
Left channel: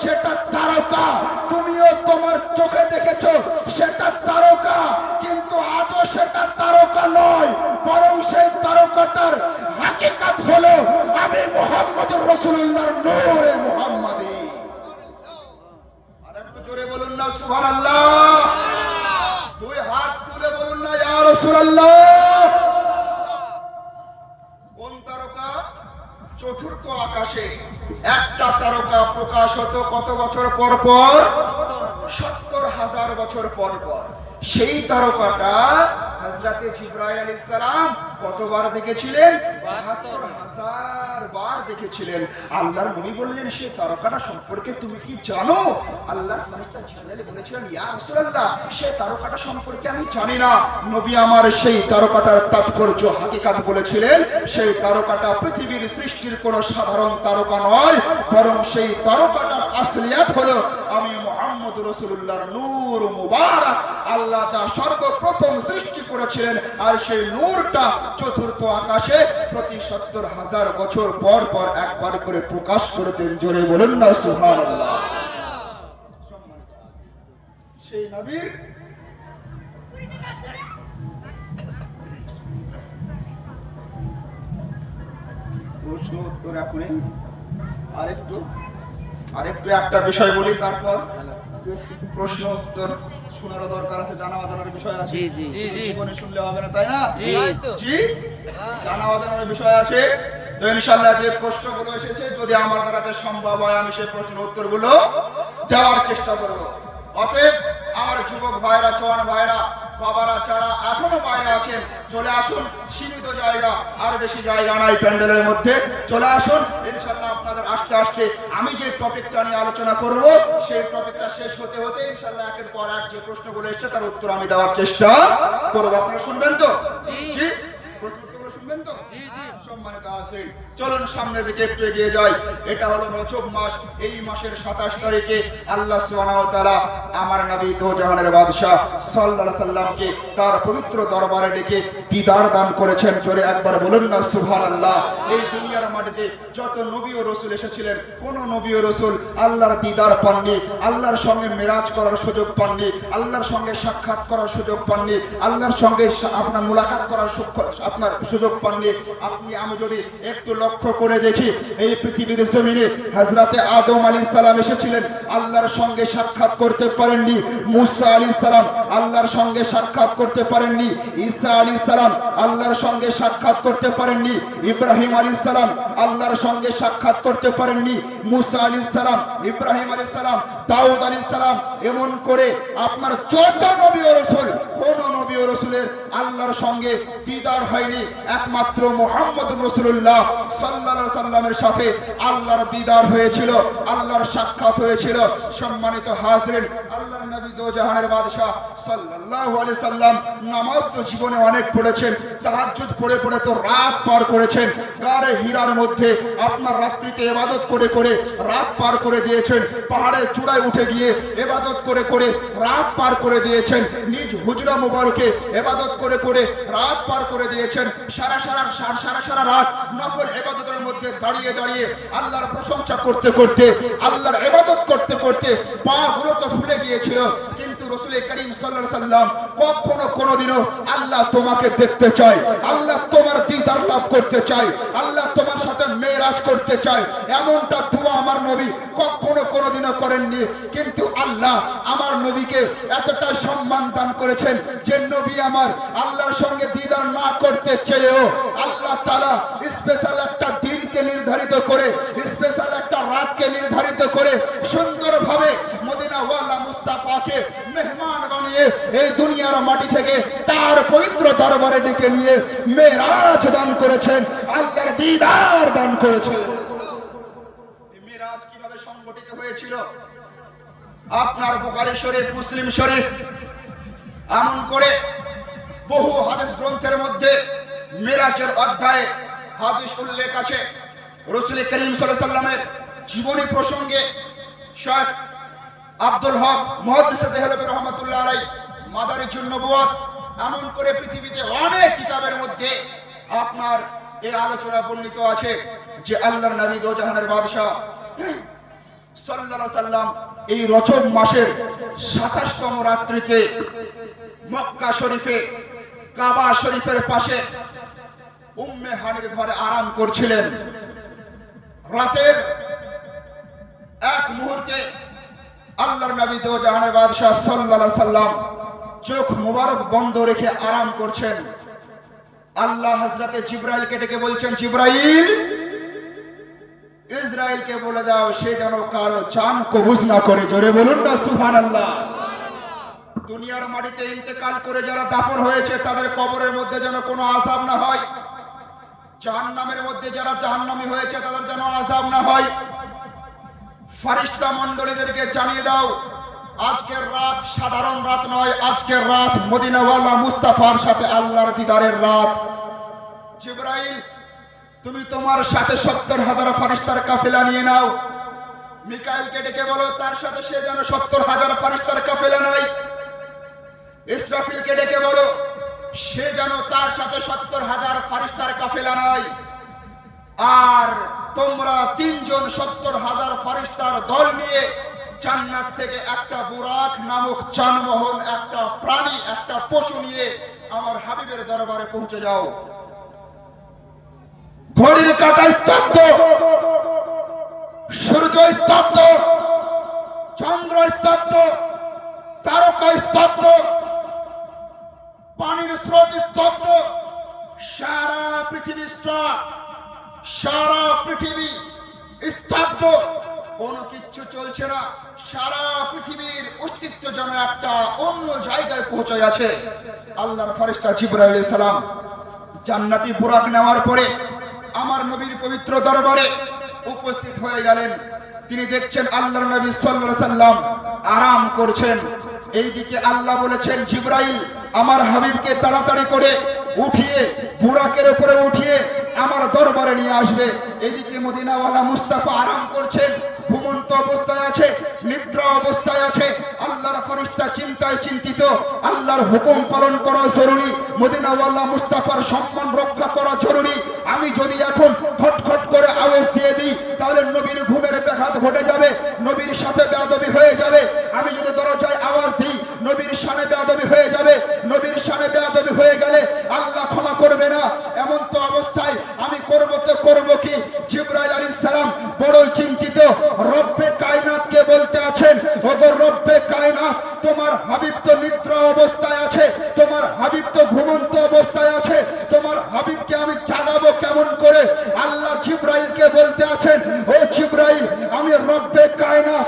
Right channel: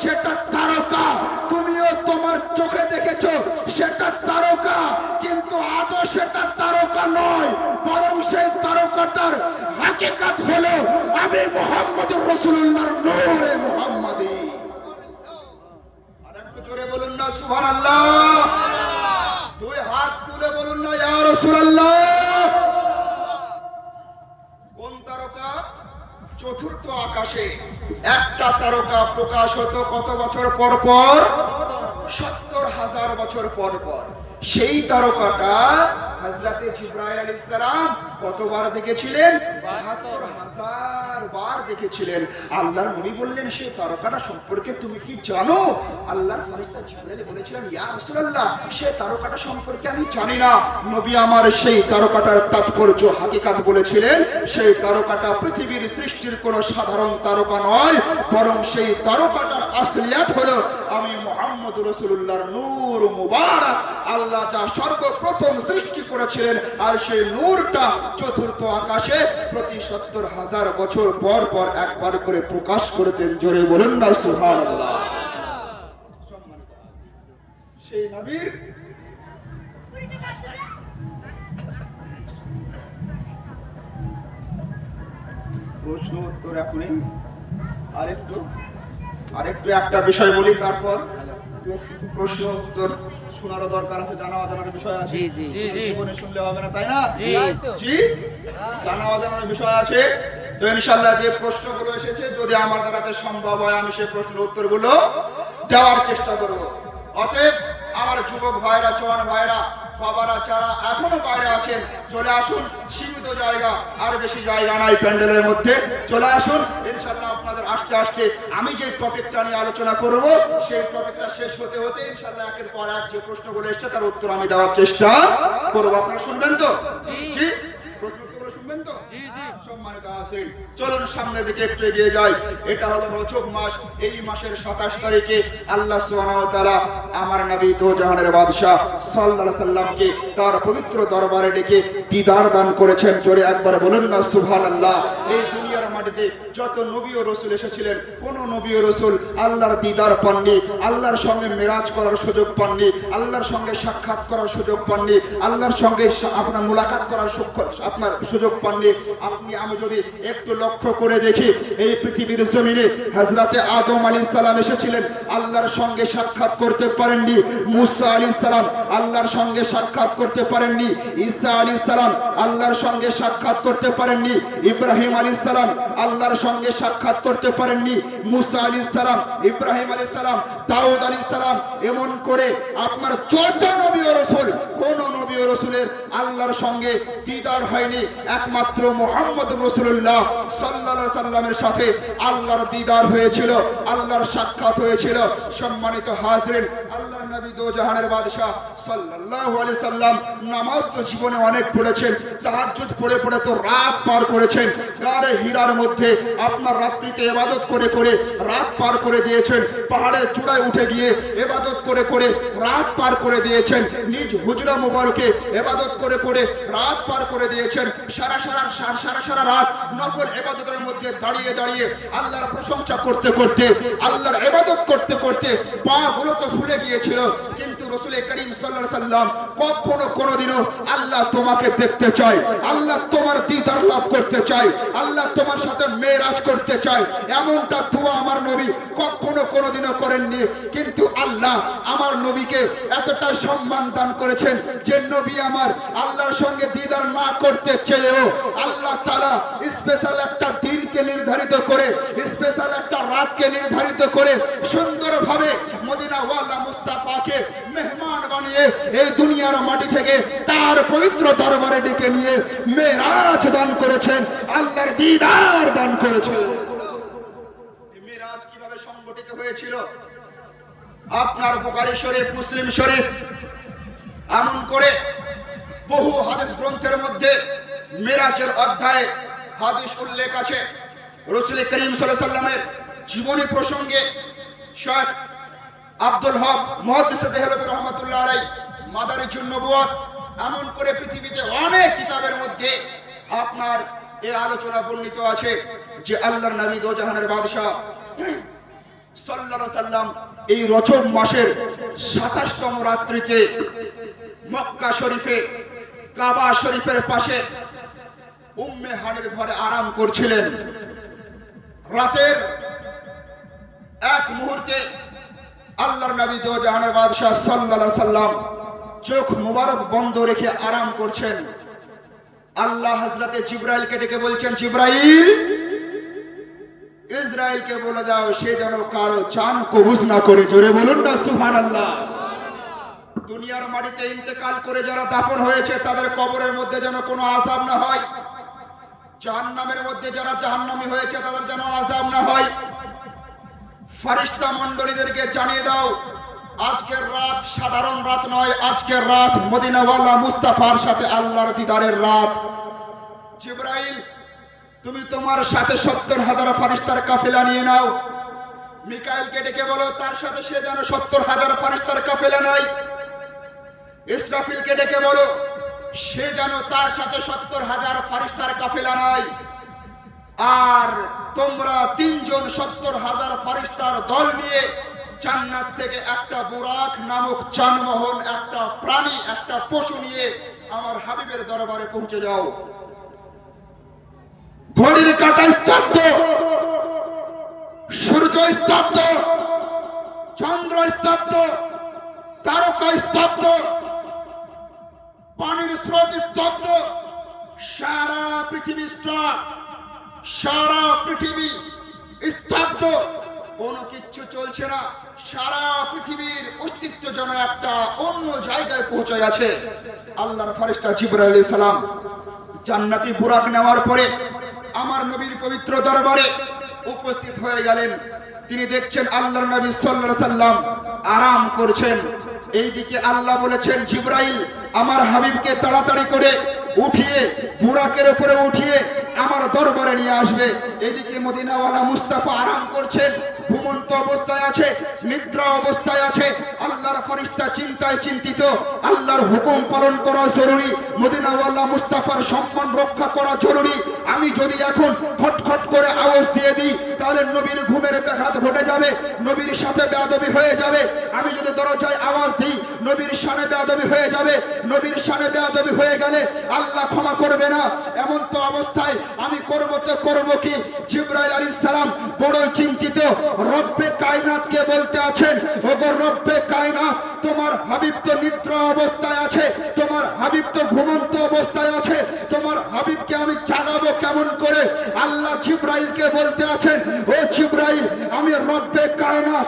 সেটা তারকা। তুমিও তোমার চোখে দেখেছো সেটা তারকা, কিন্তু আজও সেটা তারকা নয়, বরং সেই তারকাটার হাকিকত হলো আমি মুহাম্মদুর রাসূলুল্লাহর নূরে মুহাম্মাদি। আরেকটু জোরে বলুন না সুবহানাল্লাহ, দুই হাত তুলে বলুন না ইয়া রাসূলুল্লাহ। কোন তারকা? চতুর্থ আকাশে একটা তারকা প্রকাশ হতো কত বছর পর পর? ৭০,০০০ বছর পর পর। সেই তারকাটা হযরতে জিবরাইল আলাইহিস সালাম কতবার দেখেছিলেন? ৭২,০০০ বার দেখেছিলেন। আল্লাহর নবী বললেন, সেই তারকাটা সম্পর্কে তুমি কি জানো? আল্লাহর ফেরেশতা জিবরাইল বলেছিলেন, ইয়া রাসূলুল্লাহ, সেই তারকাটা সম্পর্কে আমি জানি না। নবী আমার সেই তারকাটার তাৎপর্য হাকিকত বলেছিলেন, সেই তারকাটা পৃথিবীর সৃষ্টির কোন সাধারণ তারকা নয়, বরং সেই তারকাটার আসলিয়াত হলো আমি মুহাম্মদুর রাসূলুল্লাহর নূর মুবারক। আল্লাহ যা সর্বপ্রথম সৃষ্টি করেছিলেন, আর সেই নূরটা চতুর্থ আকাশে প্রতি ৭০,০০০ বছর পর পর একবার করে প্রকাশ করতেন। জোরে বলেন না সুবহানাল্লাহ। সেই নবীর প্রশ্ন উত্তর এখনই আরেকটু একটা বিষয় বলি, তারপর প্রশ্ন উত্তর শোনারও দরকার আছে, জানা অজানার বিষয় আছে। জীবনে শুনলে হবে না, তাই না? জি, জানা অজানার বিষয় আছে। তো ইনশাআল্লাহ যে প্রশ্নগুলো এসেছে, যদি আমার দ্বারা সম্ভব হয় আমি সেই প্রশ্নের উত্তরগুলো দেওয়ার চেষ্টা করব। অতএব আমার যুবক ভাইরা, জওয়ান ভাইরা, বাবারা যারা এখনো বাইরে আছেন, চলে আসুন। সীমিত জায়গা, আর বেশি জায়গা নাই প্যান্ডেলের মধ্যে, চলে আসুন। ইনশাআল্লাহ আপনাদের আসতে আসতে আমি যে টপিকটা নিয়ে আলোচনা করব, সেই টপিকটা শেষ হতে হতে ইনশাআল্লাহ একের পর এক যে প্রশ্নগুলো এসেছে তার উত্তর আমি দেওয়ার চেষ্টা করব। আপনারা শুনবেন তো? জি, প্রশ্নগুলো শুনবেন তো? সম্মানিত আছেন, চলুন সামনের দিকে একটু এগিয়ে যাই। এটা হলো রজব মাস। এই মাসের ২৭ তারিখে আল্লাহ সুবহানাহু ওয়া তাআলা আমার নবী দো জাহানের বাদশা সাল্লাল্লাহু আলাইহি সাল্লামকে তার পবিত্র দরবারে ডেকে দিদার দান করেছেন। জোরে একবার বলুন না সুবহানাল্লাহ। এই দুনিয়ার মাঝে থেকে যত নবী ও রাসূল এসেছিলেন, কোন নবী ও রাসূল আল্লাহর দিদার পাননি, আল্লাহর সঙ্গে মেরাজ করার সুযোগ পাননি, আল্লাহর সঙ্গে সাক্ষাৎ করার সুযোগ পাননি, আল্লাহর সঙ্গে আপনার মুলাকাত করার আপনার সুযোগ পাননি। আপনি আমি যদি একটু লক্ষ্য করে দেখি, এই পৃথিবীর জমিনে হযরতে আদম আলাইহিস সালাম এসেছিলেন, আল্লাহর সঙ্গে সাক্ষাৎ করতে পারেননি। মুসা আলাইহিস সালাম আল্লাহর সঙ্গে সাক্ষাৎ করতে পারেননি। ঈসা আলাইহিস সালাম আল্লাহর সঙ্গে সাক্ষাৎ করতে পারেননি। ইব্রাহিম আলাইহিস সালাম আল্লাহর সঙ্গে সাক্ষাৎ করতে পারেননি। মুসা আলাইহিস সালাম, ইব্রাহিম আলাইহিস সালাম, দাউদ আলাইহিস সালাম, এমন করে আপনার যত নবী ও রাসূল, কোন নবী ও রাসূলের আল্লাহর সঙ্গে দিদার হয়নি। একমাত্র মুহাম্মদুর রাসূলুল্লাহ সাল্লাল্লাহু আলাইহি সাল্লামের সাথে আল্লাহর দিদার হয়েছিল, আল্লাহর সাক্ষাৎ হয়েছিল। সম্মানিত হাজিরিন, আল্লাহর নবী দো জাহানের বাদশা সাল্লাল্লাহু আলাইহি সাল্লাম নামাজ তো জীবনে অনেক পড়েছেন, তাহাজ্জুদ পড়ে পড়ে তো রাত পার করেছেন। গারে হীরার মধ্যে আপনার রাত্রিতে ইবাদত করে করে রাত পার করে দিয়েছেন। পাহাড়ের চূড়ায় উঠে গিয়ে ইবাদত করে করে রাত পার করে দিয়েছেন। নিজ হুজরা মুবারকে ইবাদত করে করে রাত পার করে দিয়েছেন। সারা সারা রাত নফল ইবাদতের মধ্যে দাঁড়িয়ে দাঁড়িয়ে আল্লাহর প্রশংসা করতে করতে, আল্লাহর ইবাদত করতে করতে পা গুলো তো ফুলে গিয়েছিল। কিন্তু রাসূল করিম সাল্লাল্লাহু আলাইহি সাল্লাম কখনো কোনোদিনও আল্লাহ তোমাকে দেখতে চায়, আল্লাহ তোমার দিদার লাভ করতে চায়, আল্লাহ তোমার সাথে মেরাজ করতে চায়, এমনটা দোয়া আমার নবী কখনো কোনোদিনও করেননি। কিন্তু আল্লাহ আমার নবীকে এতটা সম্মান দান করেছেন যে নবী আমার আল্লাহর সঙ্গে দিদার না করতে চেয়েও আল্লাহ তাআলা স্পেশাল একটা দিনকে নির্ধারিত করে, স্পেশাল একটা রাতকে নির্ধারিত করে সুন্দরভাবে মদিনা ওয়ালা মুস্তাফাকে মেহমান বানিয়ে এই দুনিয়ার মাটি থেকে তার পবিত্র দরবারে ডেকে নিয়ে মেরাজ দান করেছেন, আল্লাহর দিদার দান করেছেন। মেরাজ কিভাবে সংগঠিত হয়েছিল? আপনার বুখারী শরীফ, মুসলিম শরীফ, এমন করে বহু হাদিস গ্রন্থের মধ্যে মেরাজের অধ্যায়ে হাদিস উল্লেখ আছে। রাসূল করিম সাল্লাল্লাহু আলাইহি সাল্লামের জীবনী প্রসঙ্গে শেখ আব্দুল হক মুহাদ্দিস দেহলভী রাহমাতুল্লাহ আলাইহি মাদারিজুন নবুওয়াত, এমন করে পৃথিবীতে অনেক কিতাবের মধ্যে আপনার এর আলোচনা বর্ণিত আছে যে আল্লাহর নবী দো জাহানের বাদশা সাল্লাল্লাহু আলাইহি সাল্লাম এই রজব মাসের ২৭তম রাত্রিতে মক্কা শরীফে কাবা শরীফের পাশে উম্মে হানির ঘরে আরাম করছিলেন। রাতের এক মুহূর্তে আল্লাহর নবী দো জাহানের বাদশা সাল্লাল্লাহু আলাইহি সাল্লাম চোখ মুবারক বন্ধ রেখে আরাম করছেন। আল্লাহ হযরতে জিবরাইলকে ডেকে বলছেন, জিবরাইল, ইসরাইলকে বলে দাও সে যেন কারো জান কবুজ না করে। জোরে বলুন না সুবহানাল্লাহ। দুনিয়ার মাটিতে ইন্তেকাল করে যারা দাফন হয়েছে তাদের কবরের মধ্যে যেন কোনো আযাব না হয়। জাহান্নামের মধ্যে যারা জাহান্নামী হয়েছে তাদের যেন আযাব না হয়। ফেরেশতা মণ্ডলীদেরকে জানিয়ে দাও আজকের রাত সাধারণ রাত নয়, আজকের রাত মদিনাওয়ালা মুস্তাফার সাথে আল্লাহর দিদারের রাত। জিবরাইল, তুমি তোমার সাথে ৭০,০০০ ফেরেশতার কাফেলা নিয়ে নাও। মিকাইলকে ডেকে বলো তার সাথে সে যেন ৭০,০০০ ফেরেশতার কাফেলা নেয়। ইসরাফিলকে ডেকে বলো সে যেন তার সাথে ৭০,০০০ ফেরেশতার কাফেলা নেয়। আর তোমরা তিনজন ৭০,০০০ ফেরেশতার দল নিয়ে জান্নাত থেকে একটা বুরাক নামক যানবাহন, একটা প্রাণী, একটা পশু নিয়ে আমার হাবিবের দরবারে পৌঁছে যাও। ঘড়ির কাঁটা স্তব্ধ, সূর্য স্তব্ধ, চন্দ্র স্তব্ধ, তারকা স্তব্ধ, পানির স্রোত স্তব্ধ, সারা পৃথিবী স্তব্ধ, সারা পৃথিবী স্তব্ধ, কোনো কিচ্ছু চলছে না। সারা পৃথিবীর অস্তিত্ব যেন একটা অন্য জায়গায় পৌঁছে গেছে। আল্লাহর ফেরেশতা জিবরাইল আলাইহিস সালাম জান্নাতি বুরাক নেওয়ার পরে আমার নবীর পবিত্র দরবারে উপস্থিত হয়ে গেলেন। তিনি দেখছেন আল্লাহর নবী সাল্লাল্লাহু আলাইহি সাল্লাম আরাম করছেন। এইদিকে আল্লাহ বলেছেন, জিবরাইল আমার হাবিবকে তাড়াতাড়ি করে উঠিয়ে বুরাকের উপরে উঠিয়ে আমার দরবারে নিয়ে আসবে। এইদিকে মদিনাওয়ালা মুস্তাফা আরাম করছেন, ঘুমন্ত অবস্থায় আছে, নিদ্রা অবস্থায় আছে। আল্লাহর ফেরেশতা চিন্তায় চিন্তিত। আল্লাহর হুকুম পালন করা জরুরি, মদিনাওয়ালা মুস্তাফার সম্মান রক্ষা করা জরুরি। আমি যদি এখন খটখট করে নবীর সাথে বেয়াদবি হয়ে যাবে। আমি যদি দরজায় আওয়াজ দিই নবীর শানে বেয়াদবি হয়ে যাবে। নবীর শানে বেয়াদবি হয়ে গেলে আল্লাহ ক্ষমা করবে না। এমন তো অবস্থায় আমি করব কি? জিবরাইল আলাইহিস সালাম বড়ই চিন্তিত। রব্বে কায়নাতকে বলতে আছেন, ওগো রব্বে কায়নাত, তোমার হাবিব তো নিদ্রা অবস্থায় আছে, তোমার হাবিব তো ঘুমন্ত অবস্থায় আছে, তোমার হাবিবকে আমি জাগাবো কেমন করে? আল্লাহ জিবরাইলকে বলতে আছেন, ও জিবরাইল, আমি রব্বে কায়নাত,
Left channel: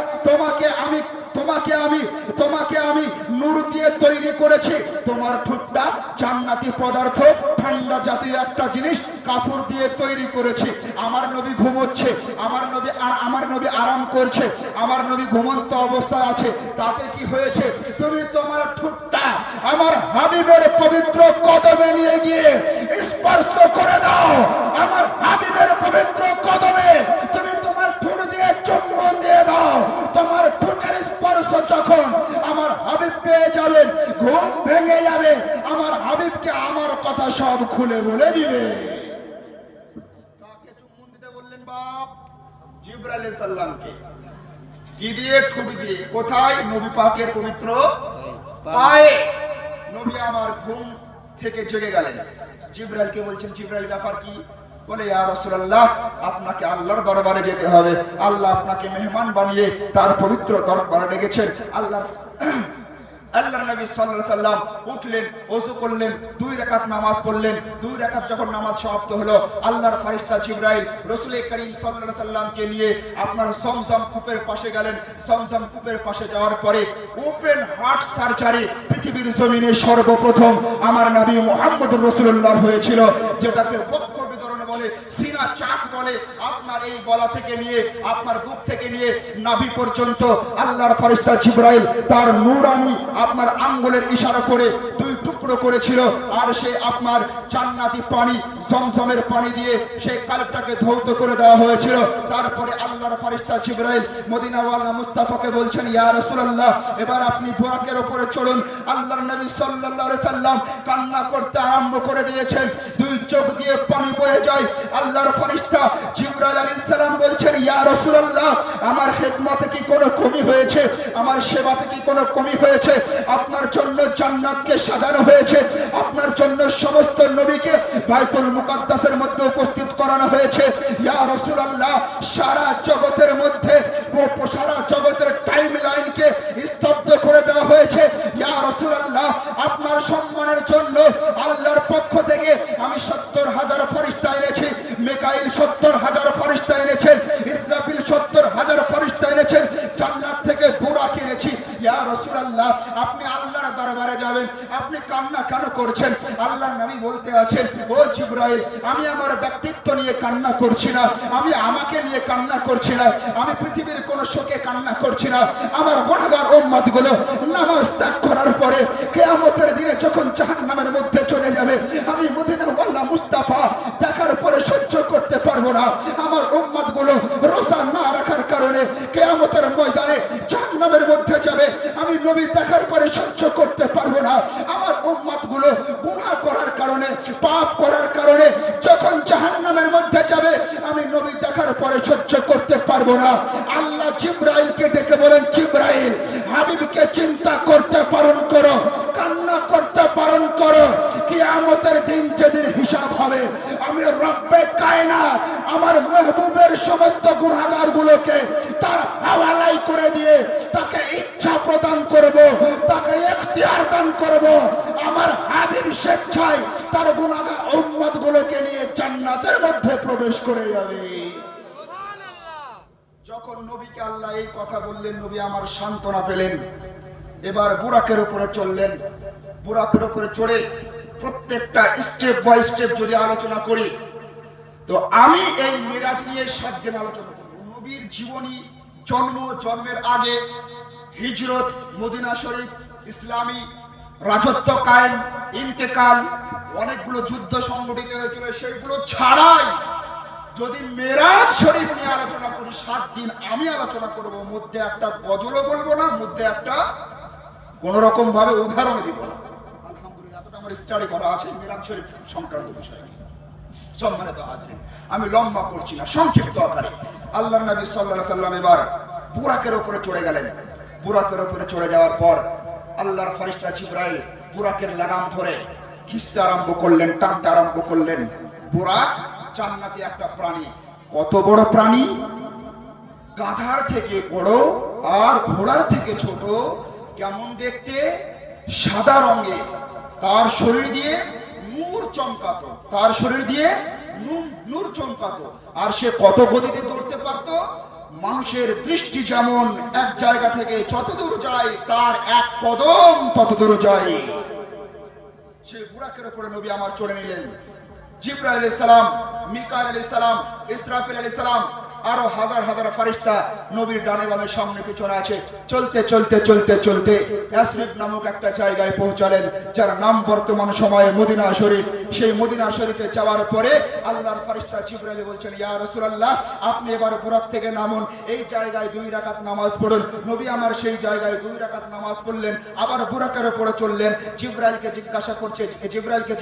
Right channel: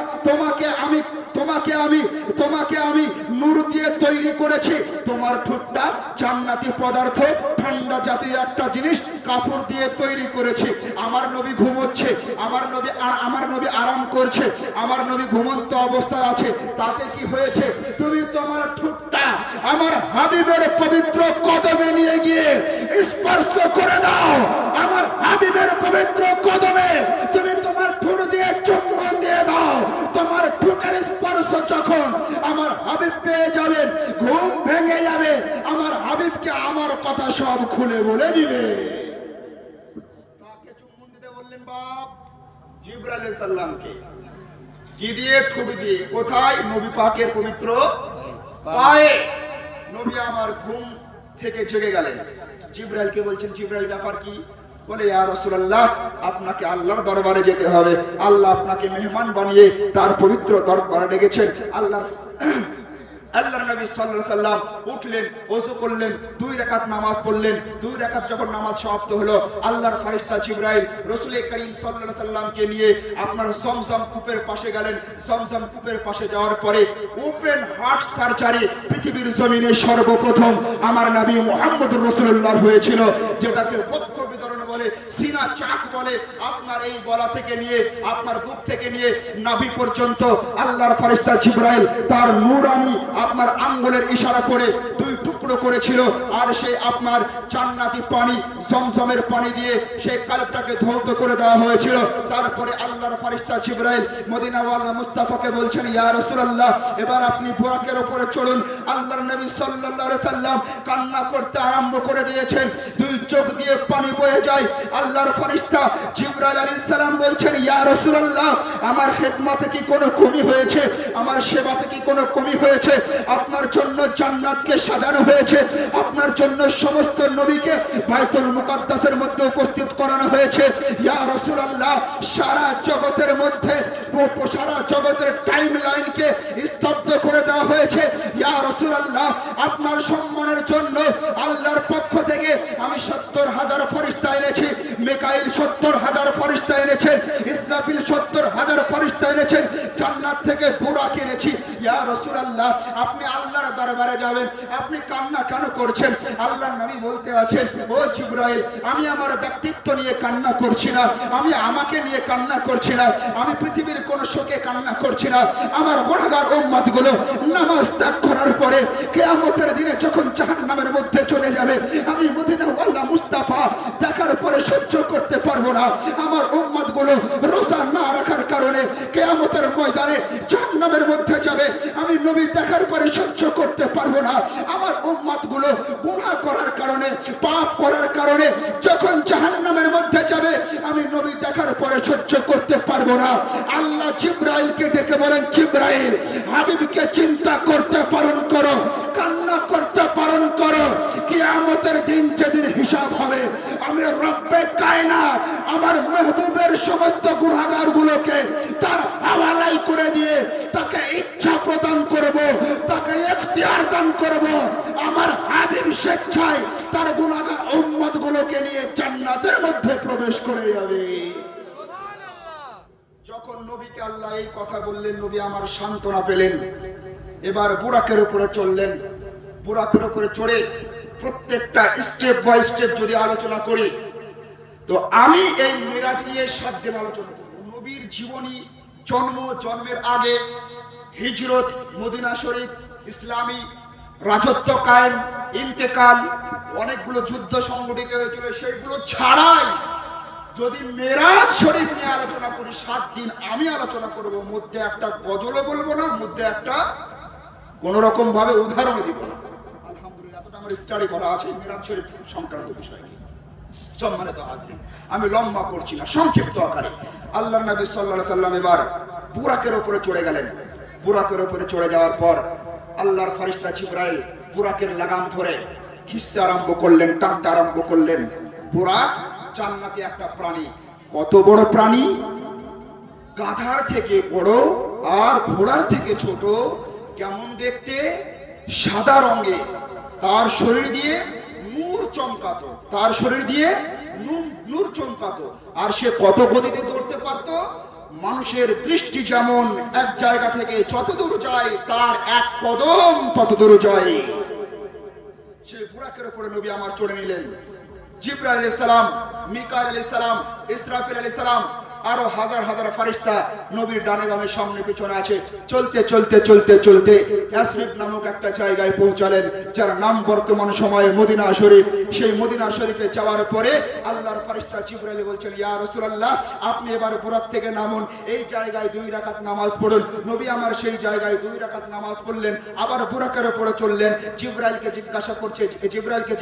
তোমাকে আমি নূর দিয়ে তৈরি করেছি। তোমার ঠোঁটটা জান্নাতি পদার্থ, ঠান্ডা জাতীয় একটা জিনিস কাপড় দিয়ে তৈরি করেছি। আমার নবী ঘুমোচ্ছে, আমার নবী আরাম করছে, আমার নবী ঘুমন্ত অবস্থায় আছে। তাতে কি হয়েছে? তুমি তোমার ঠোঁটটা আমার হাবিবের পবিত্র কদমে নিয়ে গিয়ে স্পর্শ করে দাও। আমার হাবিবের পবিত্র কদমে তুমি তোমার ঠোঁট দিয়ে চুম্বন দিয়ে দাও। তোমার ঠোঁটের স্পর্শ যখন আমার হাবিব পেয়ে যাবেন, ঘুম ভেঙে যাবে, আমার হাবিবকে আমার কথা সব খুলে বলে দিবে। কাকে চুম্বন দিতে বললেন বাপ? জিবরাইল আলাইহিস সালামকে। কি দিয়ে? ঠোঁট দিয়ে। কোথায়? নবী পাকের পবিত্র পায়ে। নবী আমার ঘুম থেকে জেগে গেলেন। জিবরাইলকে বলছেন, জিবরাইল ব্যাপার কি? বলে, ইয়া রাসূলুল্লাহ, আপনাকে আল্লাহর দরবারে যেতে হবে। আল্লাহ আপনাকে মেহমান বানিয়ে তার পবিত্র দরবারে ডেকেছেন। আল্লাহর নবী সাল্লাল্লাহু আলাইহি সাল্লাম উঠলেন, ওযু করলেন, 2 রাকাত নামাজ পড়লেন। 2 রাকাত যখন নামাজ সমাপ্ত হলো, আল্লাহর ফেরেশতা জিবরাইল রাসূল করিম সাল্লাল্লাহু আলাইহি সাল্লামকে নিয়ে আপনার সমসম কূপের পাশে গেলেন। সমসম কূপের পাশে যাওয়ার পরে ওপেন হার্ট সার্জারি পৃথিবীর জমিনে সর্বপ্রথম আমার নবী মুহাম্মদুর রাসূলুল্লাহ হয়েছিল, যেটাকে বক্ষ বিতরণ বলে, সিনা চাক বলে। আপনার এই গলা থেকে নিয়ে, আপনার বুক থেকে নিয়ে নাভি পর্যন্ত আল্লাহর ফেরেশতা জিবরাইল তার নূরানি আপনার আঙ্গুলের ইশারা করে 2 টুকরো করেছিল। আর সে আপনার জান্নাতি পানি, জমজমের পানি দিয়ে সেই কালবটাকে ধৌত করে দেওয়া হয়েছিল। তারপরে আল্লাহর ফেরেশতা জিবরাইল মদিনাওয়ালা মুস্তাফাকে বলছেন, ইয়া রাসূলুল্লাহ, এবার আপনি বুরাকের উপরে চলুন। আল্লাহর নবী সাল্লাল্লাহু আলাইহি সাল্লাম কান্না করতে আরম্ভ করে দিয়েছেন। 2 চোখ দিয়ে পানি বয়ে যায়। আল্লাহর ফেরেশতা জিবরাইল আলাইহিস সালাম বলছেন, ইয়া রাসূলুল্লাহ, আমার খিদমতে কি কোনো কমি হয়েছে? আমার সেবাতে কি কোনো কমি হয়েছে? আপনার জন্য জান্নাতকে সাজানো হয়েছে, আপনার জন্য সমস্ত নবীকে বাইতুল মুকাদ্দাসের মধ্যে উপস্থিত করানো হয়েছে। ইয়া রাসূলুল্লাহ, সারা জগতের মধ্যে, সারা জগতের টাইমলাইনকে স্তব্ধ করে দেওয়া হয়েছে। ইয়া রাসূলুল্লাহ, আপনার সম্মানের জন্য আল্লাহর পক্ষ থেকে আমি 70,000 ফেরেশতা এনেছি। মিকাইল 70,000 ফেরেশতা এনেছেন, ইসরাফিল 70,000 ফেরেশতা এনেছেন, জান্নাত থেকে বুরাক এনেছি। ইয়া রাসূলুল্লাহ, আপনি আল্লাহর দরবারে যাবেন, আপনি কান্না কেন করছেন? আল্লাহর নবী বলতে আছেন, ও জিবরাইল, আমি আমার ব্যক্তিত্ব নিয়ে কান্না করছি না, আমি আমাকে নিয়ে কান্না করছি না, আমি পৃথিবীর কোন শোকে কান্না করছি না। আমার গুনাহগার উম্মতগুলো নামাজ ত্যাগ করার পরে কিয়ামতের দিনে যখন জাহান্নামের মধ্যে চলে যাবে, আমি মদিনাওয়ালা মুস্তাফা দেখার পরে সহ্য করতে পারবো না। আমার উম্মতগুলো রোজা না রাখার কারণে কিয়ামতের ময়দানে জাহান্নামের মধ্যে যাবে, আমি নবী দেখার পরে সহ্য করতে পারবো না। আমার উম্মতগুলো গুনাহ করার কারণে, পাপ করার কারণে যখন জাহান্নামের মধ্যে যাবে, আমি নবী দেখার পরে সহ্য করতে পারবো না। আল্লাহ জিবরাইলকে ডেকে বলেন, জিবরাইল, হাবিবকে চিন্তা করতে পালন করো, কান্না করতে পালন করো। কিয়ামতের দিন যেদিন হিসাব হবে, আমি রব্বে কায়নাত আমার মাহবুবের সমস্ত গুনাহগারগুলোকে তার হাওয়ালাই করে দিয়ে তাকে ইচ্ছা প্রদান করব, তাকে ইখতিয়ার দান করব। আমার হাবিব স্বেচ্ছায় তার গুনাহগার উম্মতগুলোকে নিয়ে জান্নাতের মধ্যে প্রবেশ করে যাবে। যখন নবীকে আল্লাহ এই কথা বললেন, নবী আমার সান্ত্বনা পেলেন। এবার বুরাকের উপরে চললেন। বুরাকের উপরে চড়ে প্রত্যেকটা স্টেপ বাই স্টেপ যদি আলোচনা করি, তো আমি এই মিরাজ নিয়ে 7 দিন আলোচনা করব। নবীর জীবনী, জন্মের আগে, হিজরত, মদিনা শরীফ, ইসলামী রাজত্ব কায়েম, ইন্তেকাল, অনেকগুলো যুদ্ধ সংগঠিত হয়েছিল, সেগুলো ছাড়াই যদি মেরাজ শরীফ নিয়ে আলোচনা করি, 7 দিন আমি আলোচনা করব। মধ্যে একটা গজলও বলবো না, মধ্যে একটা কোন রকম ভাবে উদাহরণ দিব না। আলহামদুলিল্লাহ, এতটা আমার স্টাডি করা আছে মেরাজ শরীফ সংক্রান্ত বিষয় নিয়ে। সম্মানিত হাজিরিন, আমি লম্বা করছি না, সংক্ষিপ্ত আকারে। আল্লাহর নবী সাল্লাল্লাহু আলাইহি সাল্লাম এবার বুরাকের উপরে চড়ে গেলেন। বুরাকের উপরে চড়ে যাওয়ার পর আল্লাহর ফেরেশতা জিবরাইল বুরাকের লাগাম ধরে খিস্তে আরম্ভ করলেন, টানতে আরম্ভ করলেন। বুরাক জান্নাতি একটা প্রাণী। কত বড় প্রাণী! গাধার থেকে বড় আর ঘোড়ার থেকে ছোট। কেমন দেখতে! সাদা রঙে। তার শরীর দিয়ে নূর চমকাতো, তার শরীর দিয়ে নূর চমকাতো। আর সে কত গতিতে দৌড়তে পারত! মানুষের দৃষ্টি যেমন এক জায়গা থেকে যত দূর যায়, তার এক কদম তত দূর যায়। সেই বুরাকের উপরে নবী আমার চলে নিলেন। জিবরাইল আলাইহিস সালাম, মিকাইল আলাইহিস সালাম, ইসরাফিল আলাইহিস সালাম, আরো হাজার হাজার ফেরেশতা নবীর ডানে বামে সামনে পিছনে আছে। চলতে চলতে চলতে চলতে ইয়াসরিব নামক একটা জায়গায় পৌঁছালেন, যার নাম বর্তমান সময়ে মদিনা শরীফ। সেই মদিনা শরীফে যাওয়ার পরে আল্লাহর ফেরেশতা জিবরাইল বলছেন, ইয়া রাসূলুল্লাহ, আপনি এবার বুরাক থেকে নামুন, এই জায়গায় 2 রাকাত নামাজ পড়ুন। নবী আমার সেই জায়গায় 2 রাকাত নামাজ পড়লেন, আবার বুরাকের উপরে চললেন। জিবরাইলকে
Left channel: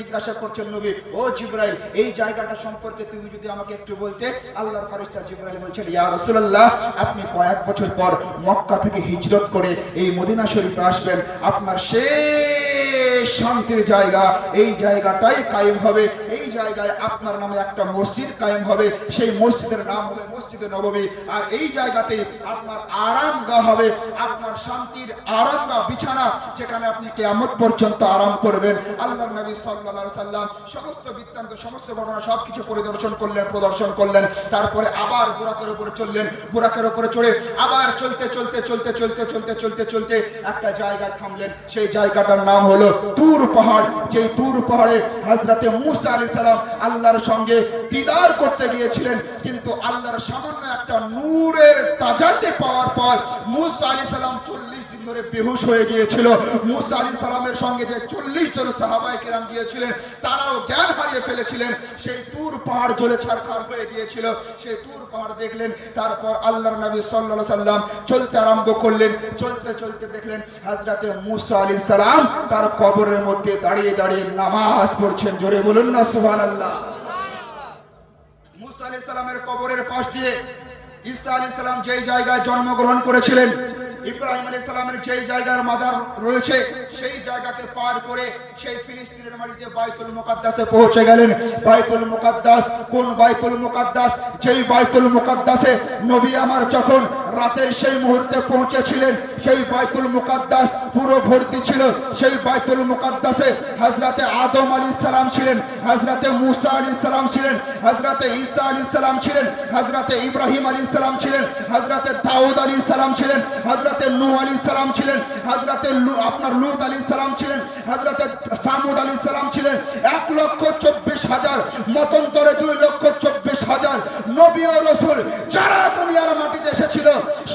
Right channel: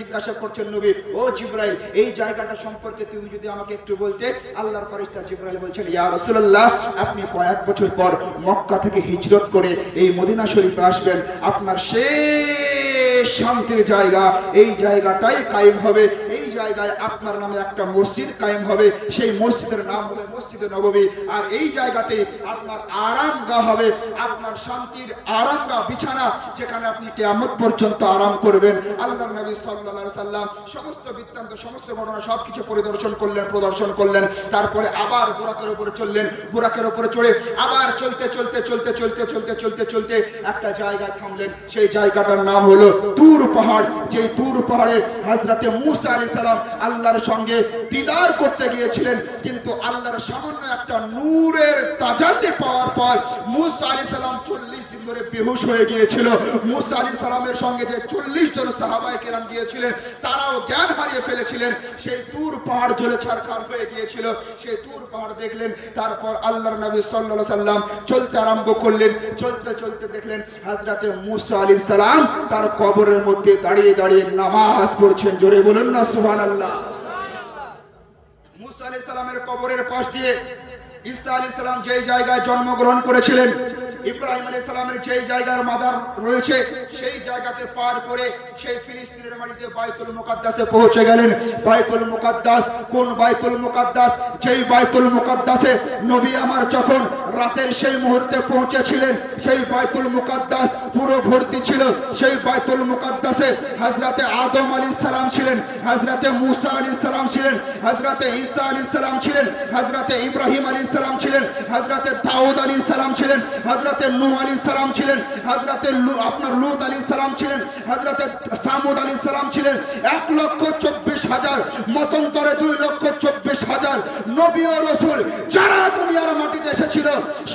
জিজ্ঞাসা করছেন নবী, ও জিবরাইল, এই জায়গাটা সম্পর্কে তুমি যদি আমাকে একটু বলতে। আল্লাহর ফেরেশতা জিবরাইল বলছেন, ইয়া রাসূলুল্লাহ, আপনি কয়েক বছর পর মক্কা থেকে হিজরত করে এই মদিনা শরীফে আসবেন। আপনার শেষ শান্তির জায়গা, এই জায়গাটাই কায়েম হবে। এই জায়গায় আপনার নামে একটা মসজিদ কায়েম হবে। সেই মসজিদের নাম হবে মসজিদে নববী। আর এই জায়গাতে আপনার আরামগাহ হবে, আপনার শান্তির আরামগাহ, বিছানা, যেখানে আপনি কিয়ামত পর্যন্ত আরাম করবেন। আল্লাহর নবী সাল্লাল্লাহু আলাইহি সাল্লাম সমস্ত বৃত্তান্ত, সমস্ত ঘটনা সবকিছু প্রদর্শন করলেন। তারপরে আবার বুরাকের উপরে চললেন। বুরাকের উপরে চড়ে আবার চলতে একটা জায়গায় থামলেন। সেই জায়গাটার নাম হলো তুর পাহাড়। যে তুর পাহাড়ে হযরতে মূসা আলাইহিস সালাম আল্লাহর সঙ্গে দিদার করতে গিয়েছিলেন, কিন্তু আল্লাহর সামান্য একটা নূরের তাজাল্লি পাওয়ার পর মূসা আলাইহিস সালাম 40 দিন ধরে বেহুশ হয়ে গিয়েছিল। মূসা আলাইহিস সালামের সঙ্গে যে 40 জন সাহাবায়ে কেরাম গিয়েছিলেন, তারাও জ্ঞান হারিয়ে ফেলেছিলেন। সেই তুর পাহাড় জ্বলে ছারখার হয়ে গিয়েছিল। সেই তুর পাহাড় দেখলেন। তারপর আল্লাহর নবী সাল্লাল্লাহু আলাইহি সাল্লাম চলতে আরম্ভ করলেন। চলতে দেখলেন হযরতে মূসা আলাইহিস সালাম তার কবরের মধ্যে দাঁড়িয়ে দাঁড়িয়ে নামাজ পড়ছেন। জোরে বলুন না সুবহানাল্লাহ। মূসা আলাইহিস সালামের কবরের পাশ দিয়ে ঈসা আলাইহিস সালাম যে জায়গায় জন্মগ্রহণ করেছিলেন, ইব্রাহিম আলাইহিস সালামের যে জায়গার মাজার রয়েছে, সেই জায়গাকে পার করে সেই ফিলিস্তিনের মাটিতে বাইতুল মুকাদ্দাসে পৌঁছে গেলেন। বাইতুল মুকাদ্দাস, কোন বাইতুল মুকাদ্দাস? যেই বাইতুল মুকাদ্দাসে নবী আমার যখন রাতের সেই মুহূর্তে পৌঁছেছিলেন, সেই বাইতুল মুকাদ্দাস পুরো ভর্তি ছিল। সেই বাইতুল মুকাদ্দাসে হযরতে আদম আলাইহিস সালাম ছিলেন, হযরতে মূসা আলাইহিস সালাম ছিলেন, হযরতে ঈসা আলাইহিস সালাম ছিলেন, হযরতে ইব্রাহিম আলাইহিস সালাম ছিলেন, হযরতে দাউদ আলাইহিস সালাম ছিলেন, হযরতে নূহ আলাইহিস সালাম ছিলেন, হযরতে লূত আলাইহিস সালাম ছিলেন, হযরতে সামুদ আলাইহিস সালাম ছিলেন। 1,24,000 মতান্তরে 2,24,000 নবী ও রাসূল যারা দুনিয়ার মাটিতে এসেছিল,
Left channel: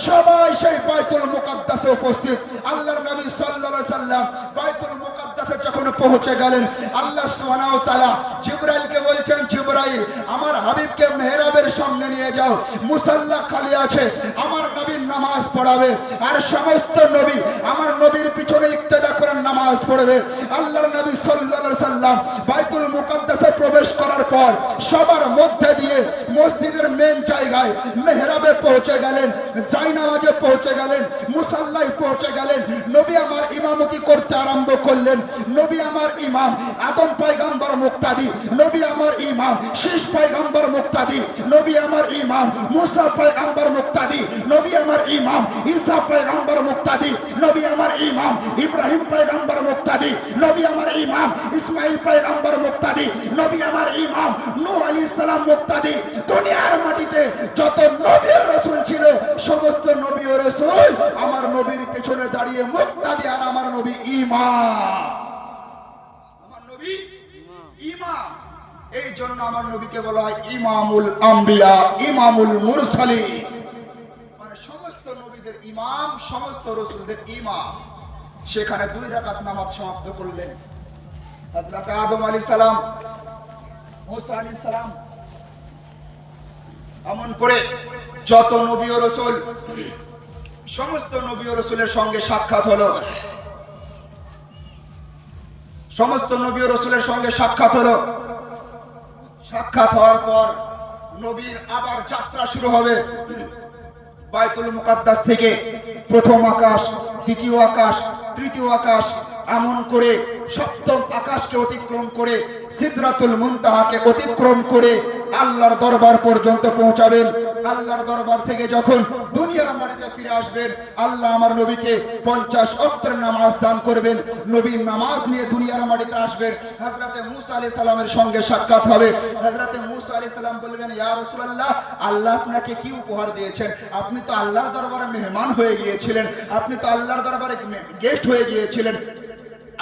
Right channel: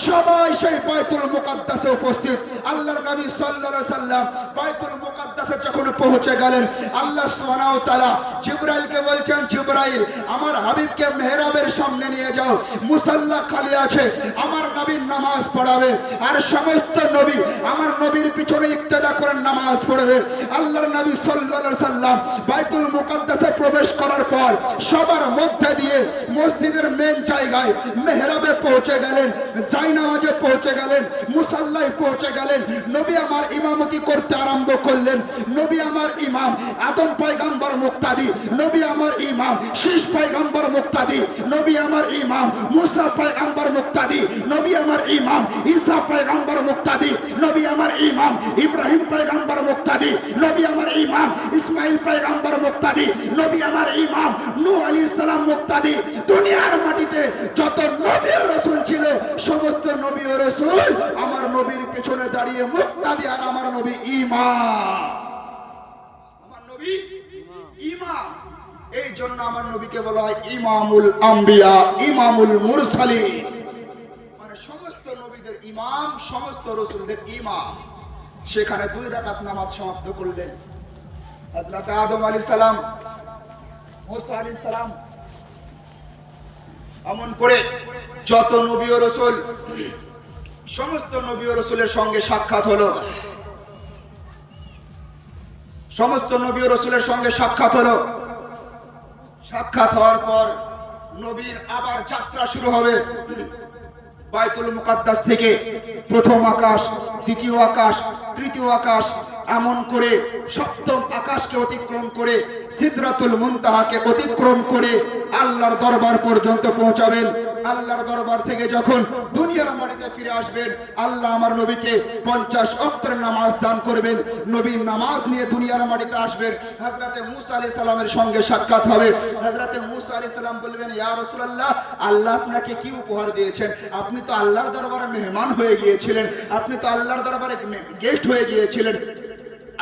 সবাই সেই বাইতুল মুকাদ্দাসে উপস্থিত। আল্লাহর নবী সাল্লাল্লাহু আলাইহি সাল্লাম বাইতুল মুকাদ্দাসে যখন পৌঁছে গেলেন, আল্লাহ সুবহানাহু ওয়া তাআলা জিবরাইলকে বলছেন, জিবরাইল, আমার হাবিবকে মেহরাবের সামনে নিয়ে যাও, মুসাল্লা খালি আছে, আমার নবীর নামাজ পড়াবে। আর সমস্ত নবী আমার নবীর পিছনে ইক্তেদা করে নামাজ পড়বে। আল্লাহর নবী সাল্লাল্লাহু আলাইহি সাল্লাম বাইতুল মুকাদ্দাসে প্রবেশ করার পর সবার মধ্যে দিয়ে মসজিদের মেন জায়গায় মেহরাবে পৌঁছে গেলেন, জায়নামাজে পৌঁছে গেলেন, মুসাল্লায় পৌঁছে গেলেন। নবী আমার ইমামতি করতে আরম্ভ করলেন। নবী আমার ইমাম আদম পয়গম্বর মুক্তাদি, নবী আমার ইমাম শীষ পয়গম্বর মুক্তাদি, নবী আমার ইমাম মুসা পয়গম্বর মুক্তাদি, নবী আমার ইমাম ঈসা পয়গম্বর মুক্তাদি, নবী আমার ইমাম ইব্রাহিম পয়গম্বর মুক্তাদি, নবী আমার ইমাম ইসমাইল পয়গম্বর মুক্তাদি, নবী আমার ইমাম নূহ আলাইহিস সালাম মুক্তাদি। দুনিয়ার মাটিতে যত নবী ও রাসূল ছিল, সমস্ত নবী ও রাসূল আমার নবীর পিছনে দাঁড়িয়ে মুক্তাদি। আর আমার নবী ইমাম, আমার নবী ইমাম। এই জন্য আমার নবীকে বলা হয় ইমামুল আম্বিয়া, ইমামুল মুরসালিন, মানে সমস্ত নবীদের ইমাম, সমস্ত রাসূলদের ইমাম। সেখানে 2 রাকাত নামাজ সমাপ্ত করলেন। হযরত আদম আলাইহিস সালাম, মূসা আলাইহিস সালাম, এমন করে যত নবী ও রাসূল, সমস্ত নবী ও রাসূলের সঙ্গে সাক্ষাৎ হলো। সমস্ত নবী ও রাসূলের সঙ্গে সাক্ষাৎ হলো। সাক্ষাৎ হওয়ার পর নবীর আবার যাত্রা শুরু হবে। বাইতুল মুকাদ্দাস থেকে প্রথম আকাশ, দ্বিতীয় আকাশ, তৃতীয় আকাশ, এমন করে সপ্তম আকাশকে অতিক্রম করে সিদরাতুল মুনতাহাকে অতিক্রম করে আল্লাহর দরবার পর্যন্ত পৌঁছাবেন। আল্লাহর দরবার থেকে যখন দুনিয়ার মাটিতে ফিরে আসবেন, আল্লাহ আমার নবীকে 50 ওয়াক্তের নামাজ দান করবেন। নবী নামাজ নিয়ে দুনিয়ার মাটিতে আসবেন। হযরতে মূসা আলাইহিস সালামের সঙ্গে সাক্ষাৎ হবে। হযরতে মূসা আলাইহিস সালাম বলবেন, ইয়া রাসূলুল্লাহ, আল্লাহ আপনাকে কি উপহার দিয়েছেন? আপনি তো আল্লাহর দরবারে মেহমান হয়ে গিয়েছিলেন, আপনি তো আল্লাহর দরবারে গেস্ট হয়ে গিয়েছিলেন,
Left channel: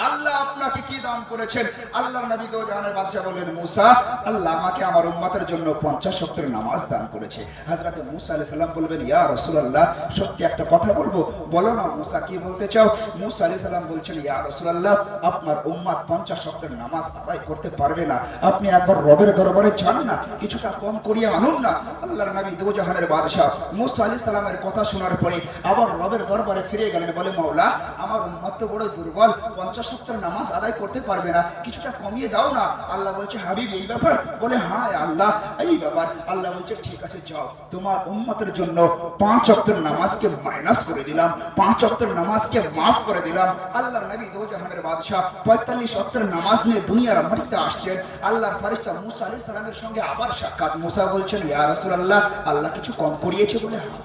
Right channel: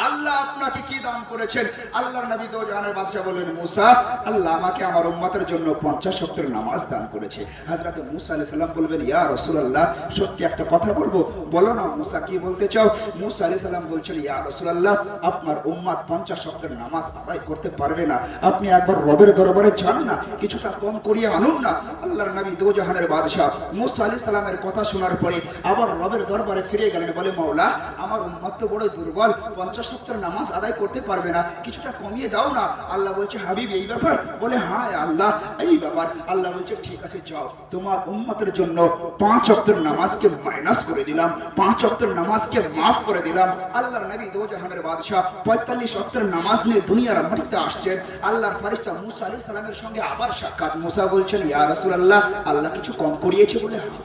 আল্লাহ আপনাকে কি দান করেছেন? আল্লাহর নবী তো জাহানের বাদশা বলেন, মূসা, আল্লাহ আমাকে আমার উম্মতের জন্য 50 ওয়াক্তের নামাজ দান করেছে। হযরত মূসা আলাইহিস সালাম বলবেন, ইয়া রাসূলুল্লাহ, সত্যি একটা কথা বলবো, বলো না মূসা, কি বলতে চাও? মূসা আলাইহিস সালাম বলছেন, ইয়া রাসূলুল্লাহ, আপনার উম্মত 50 ওয়াক্তের নামাজ আদায় করতে পারবে না, আপনি একবার রবের দরবারে যান না, কিছুটা কম করিয়ে আনুন না। আল্লাহর নবী দো জাহানের বাদশা মূসা আলাইহিস সালামের কথা শোনার পরে আবার রবের দরবারে ফিরে গেলেন, বলে, মাওলা, আমার উম্মত তো বড় দুর্বল, 50 ওয়াক্তের নামাজ আদায় করতে পারবে না, কিছুটা কমিয়ে দাও না। আল্লাহ বলছে, হাবিব এই ব্যাপার? বলে, হ্যাঁ আল্লাহ, এই ব্যাপার। আল্লাহ বলছে, ঠিক আছে, যাও, তোমার উম্মতের জন্য 5 ওয়াক্তের নামাজকে মাইনাস করে দিলাম, 5 ওয়াক্তের নামাজকে মাফ করে দিলাম। আল্লাহর নবী দো জাহানের বাদশা 45 ওয়াক্তের নামাজ নিয়ে দুনিয়ার মাটিতে আসছেন। আল্লাহর ফেরেশতা মূসা আলাইহিস সালামের সঙ্গে আবার সাক্ষাৎ। মূসা বলছেন, ইয়া রাসূলুল্লাহ, আল্লাহ কিছু কম করিয়েছে? বলে, হ্যাঁ।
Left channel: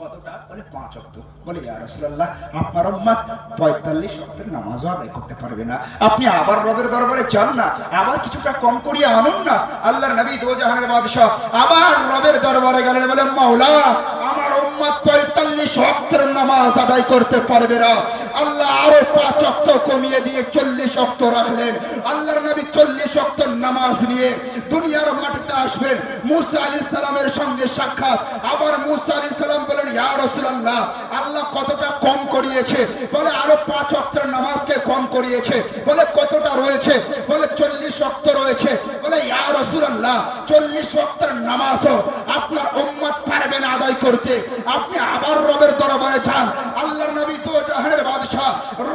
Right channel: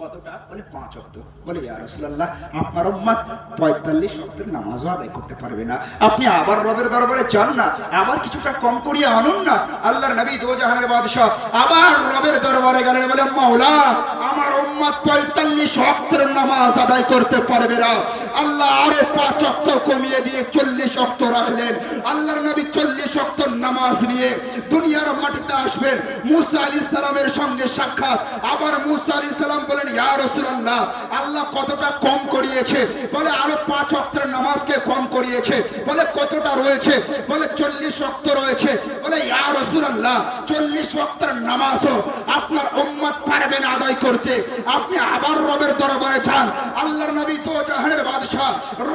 কতটা? বলে, 5 ওয়াক্ত। বলে, ইয়া রাসূলুল্লাহ, আপনার উম্মত 45 ওয়াক্তের নামাজ আদায় করতে পারবে না, আপনি আবার রবের দরবারে যান না, আবার কিছুটা কম করিয়ে আনুন না। আল্লাহর নবী দো জাহানের বাদশা আবার রবের দরবারে গেলেন, বলেন, মাওলা, আমার উম্মত 45 ওয়াক্তের নামাজ আদায় করতে পারবে না। আল্লাহ আরো 5 ওয়াক্ত কমিয়ে দিয়ে 40 ওয়াক্ত রাখলেন। আল্লাহর নবী 40 ওয়াক্তের নামাজ নিয়ে দুনিয়ার মাটিতে আসবেন। মূসা আলাইহিস সালামের সঙ্গে সাক্ষাৎ। আবার মূসা আলাইহিস সালাম বলেন, ইয়া রাসূলুল্লাহ, আল্লাহ কতটা কম করিয়েছে? বলে, আরো 5 ওয়াক্তের নামাজকে কম করিয়েছে। বলে, কতটা রয়েছে? বলে, 40 ওয়াক্ত রয়েছে। বলে, ইয়া রাসূলুল্লাহ, 40 ওয়াক্তের নামাজও আপনার উম্মত পারবে না আদায় করতে, আপনি আবার রবের দরবারে যান। আল্লাহর নবী তো জাহানের বাদশা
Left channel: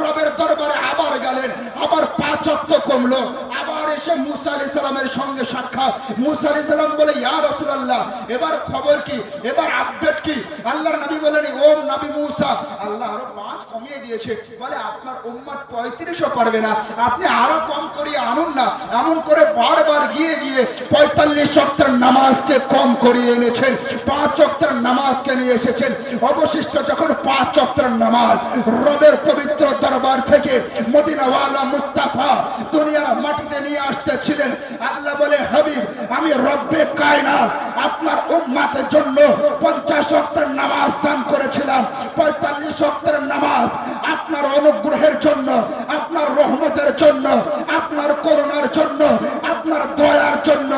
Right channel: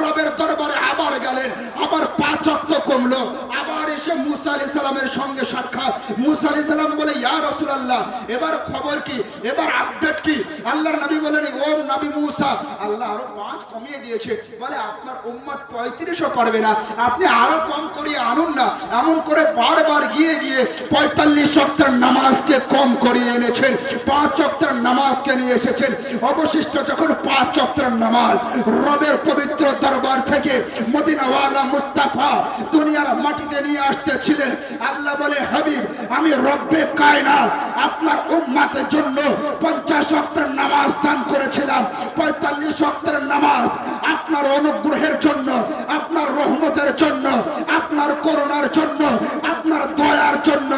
রবের দরবারে আবার গেলেন, আবার 5 ওয়াক্ত কমলো। আবার এসে মূসা আলাইহিস সালামের সঙ্গে সাক্ষাৎ। মূসা আলাইহিস সালাম বলে, ইয়া রাসূলুল্লাহ, এবার খবর কি, এবার আপডেট কি? আল্লাহর নবী বলেন, ও নবী মূসা, আল্লাহ আরো 5 কমিয়ে দিয়েছে। বলে, আপনার উম্মত 35ও পারবে না, আপনি আরো কম করিয়ে আনুন না। এমন করে বারবার গিয়ে 45 ওয়াক্তের নামাজকে কম করিয়ে এনেছেন, 5 ওয়াক্তের নামাজকে নিয়ে এসেছেন। অবশিষ্ট যখন 5 ওয়াক্তের নামাজ রবের পবিত্র দরবার থেকে মদিনাওয়ালা মুস্তাফা দুনিয়ার মাটিতে নিয়ে আসতেছিলেন, আল্লাহ বলে, হাবিব, আমি রব্বে কায়নাত আপনার উম্মতের জন্য 50 ওয়াক্তের নামাজ দান করেছিলাম। 45 ওয়াক্তের নামাজ আপনার অনুগ্রহের জন্য, আপনার রহমতের জন্য, আপনার করুণার জন্য, আপনার দয়ার জন্য,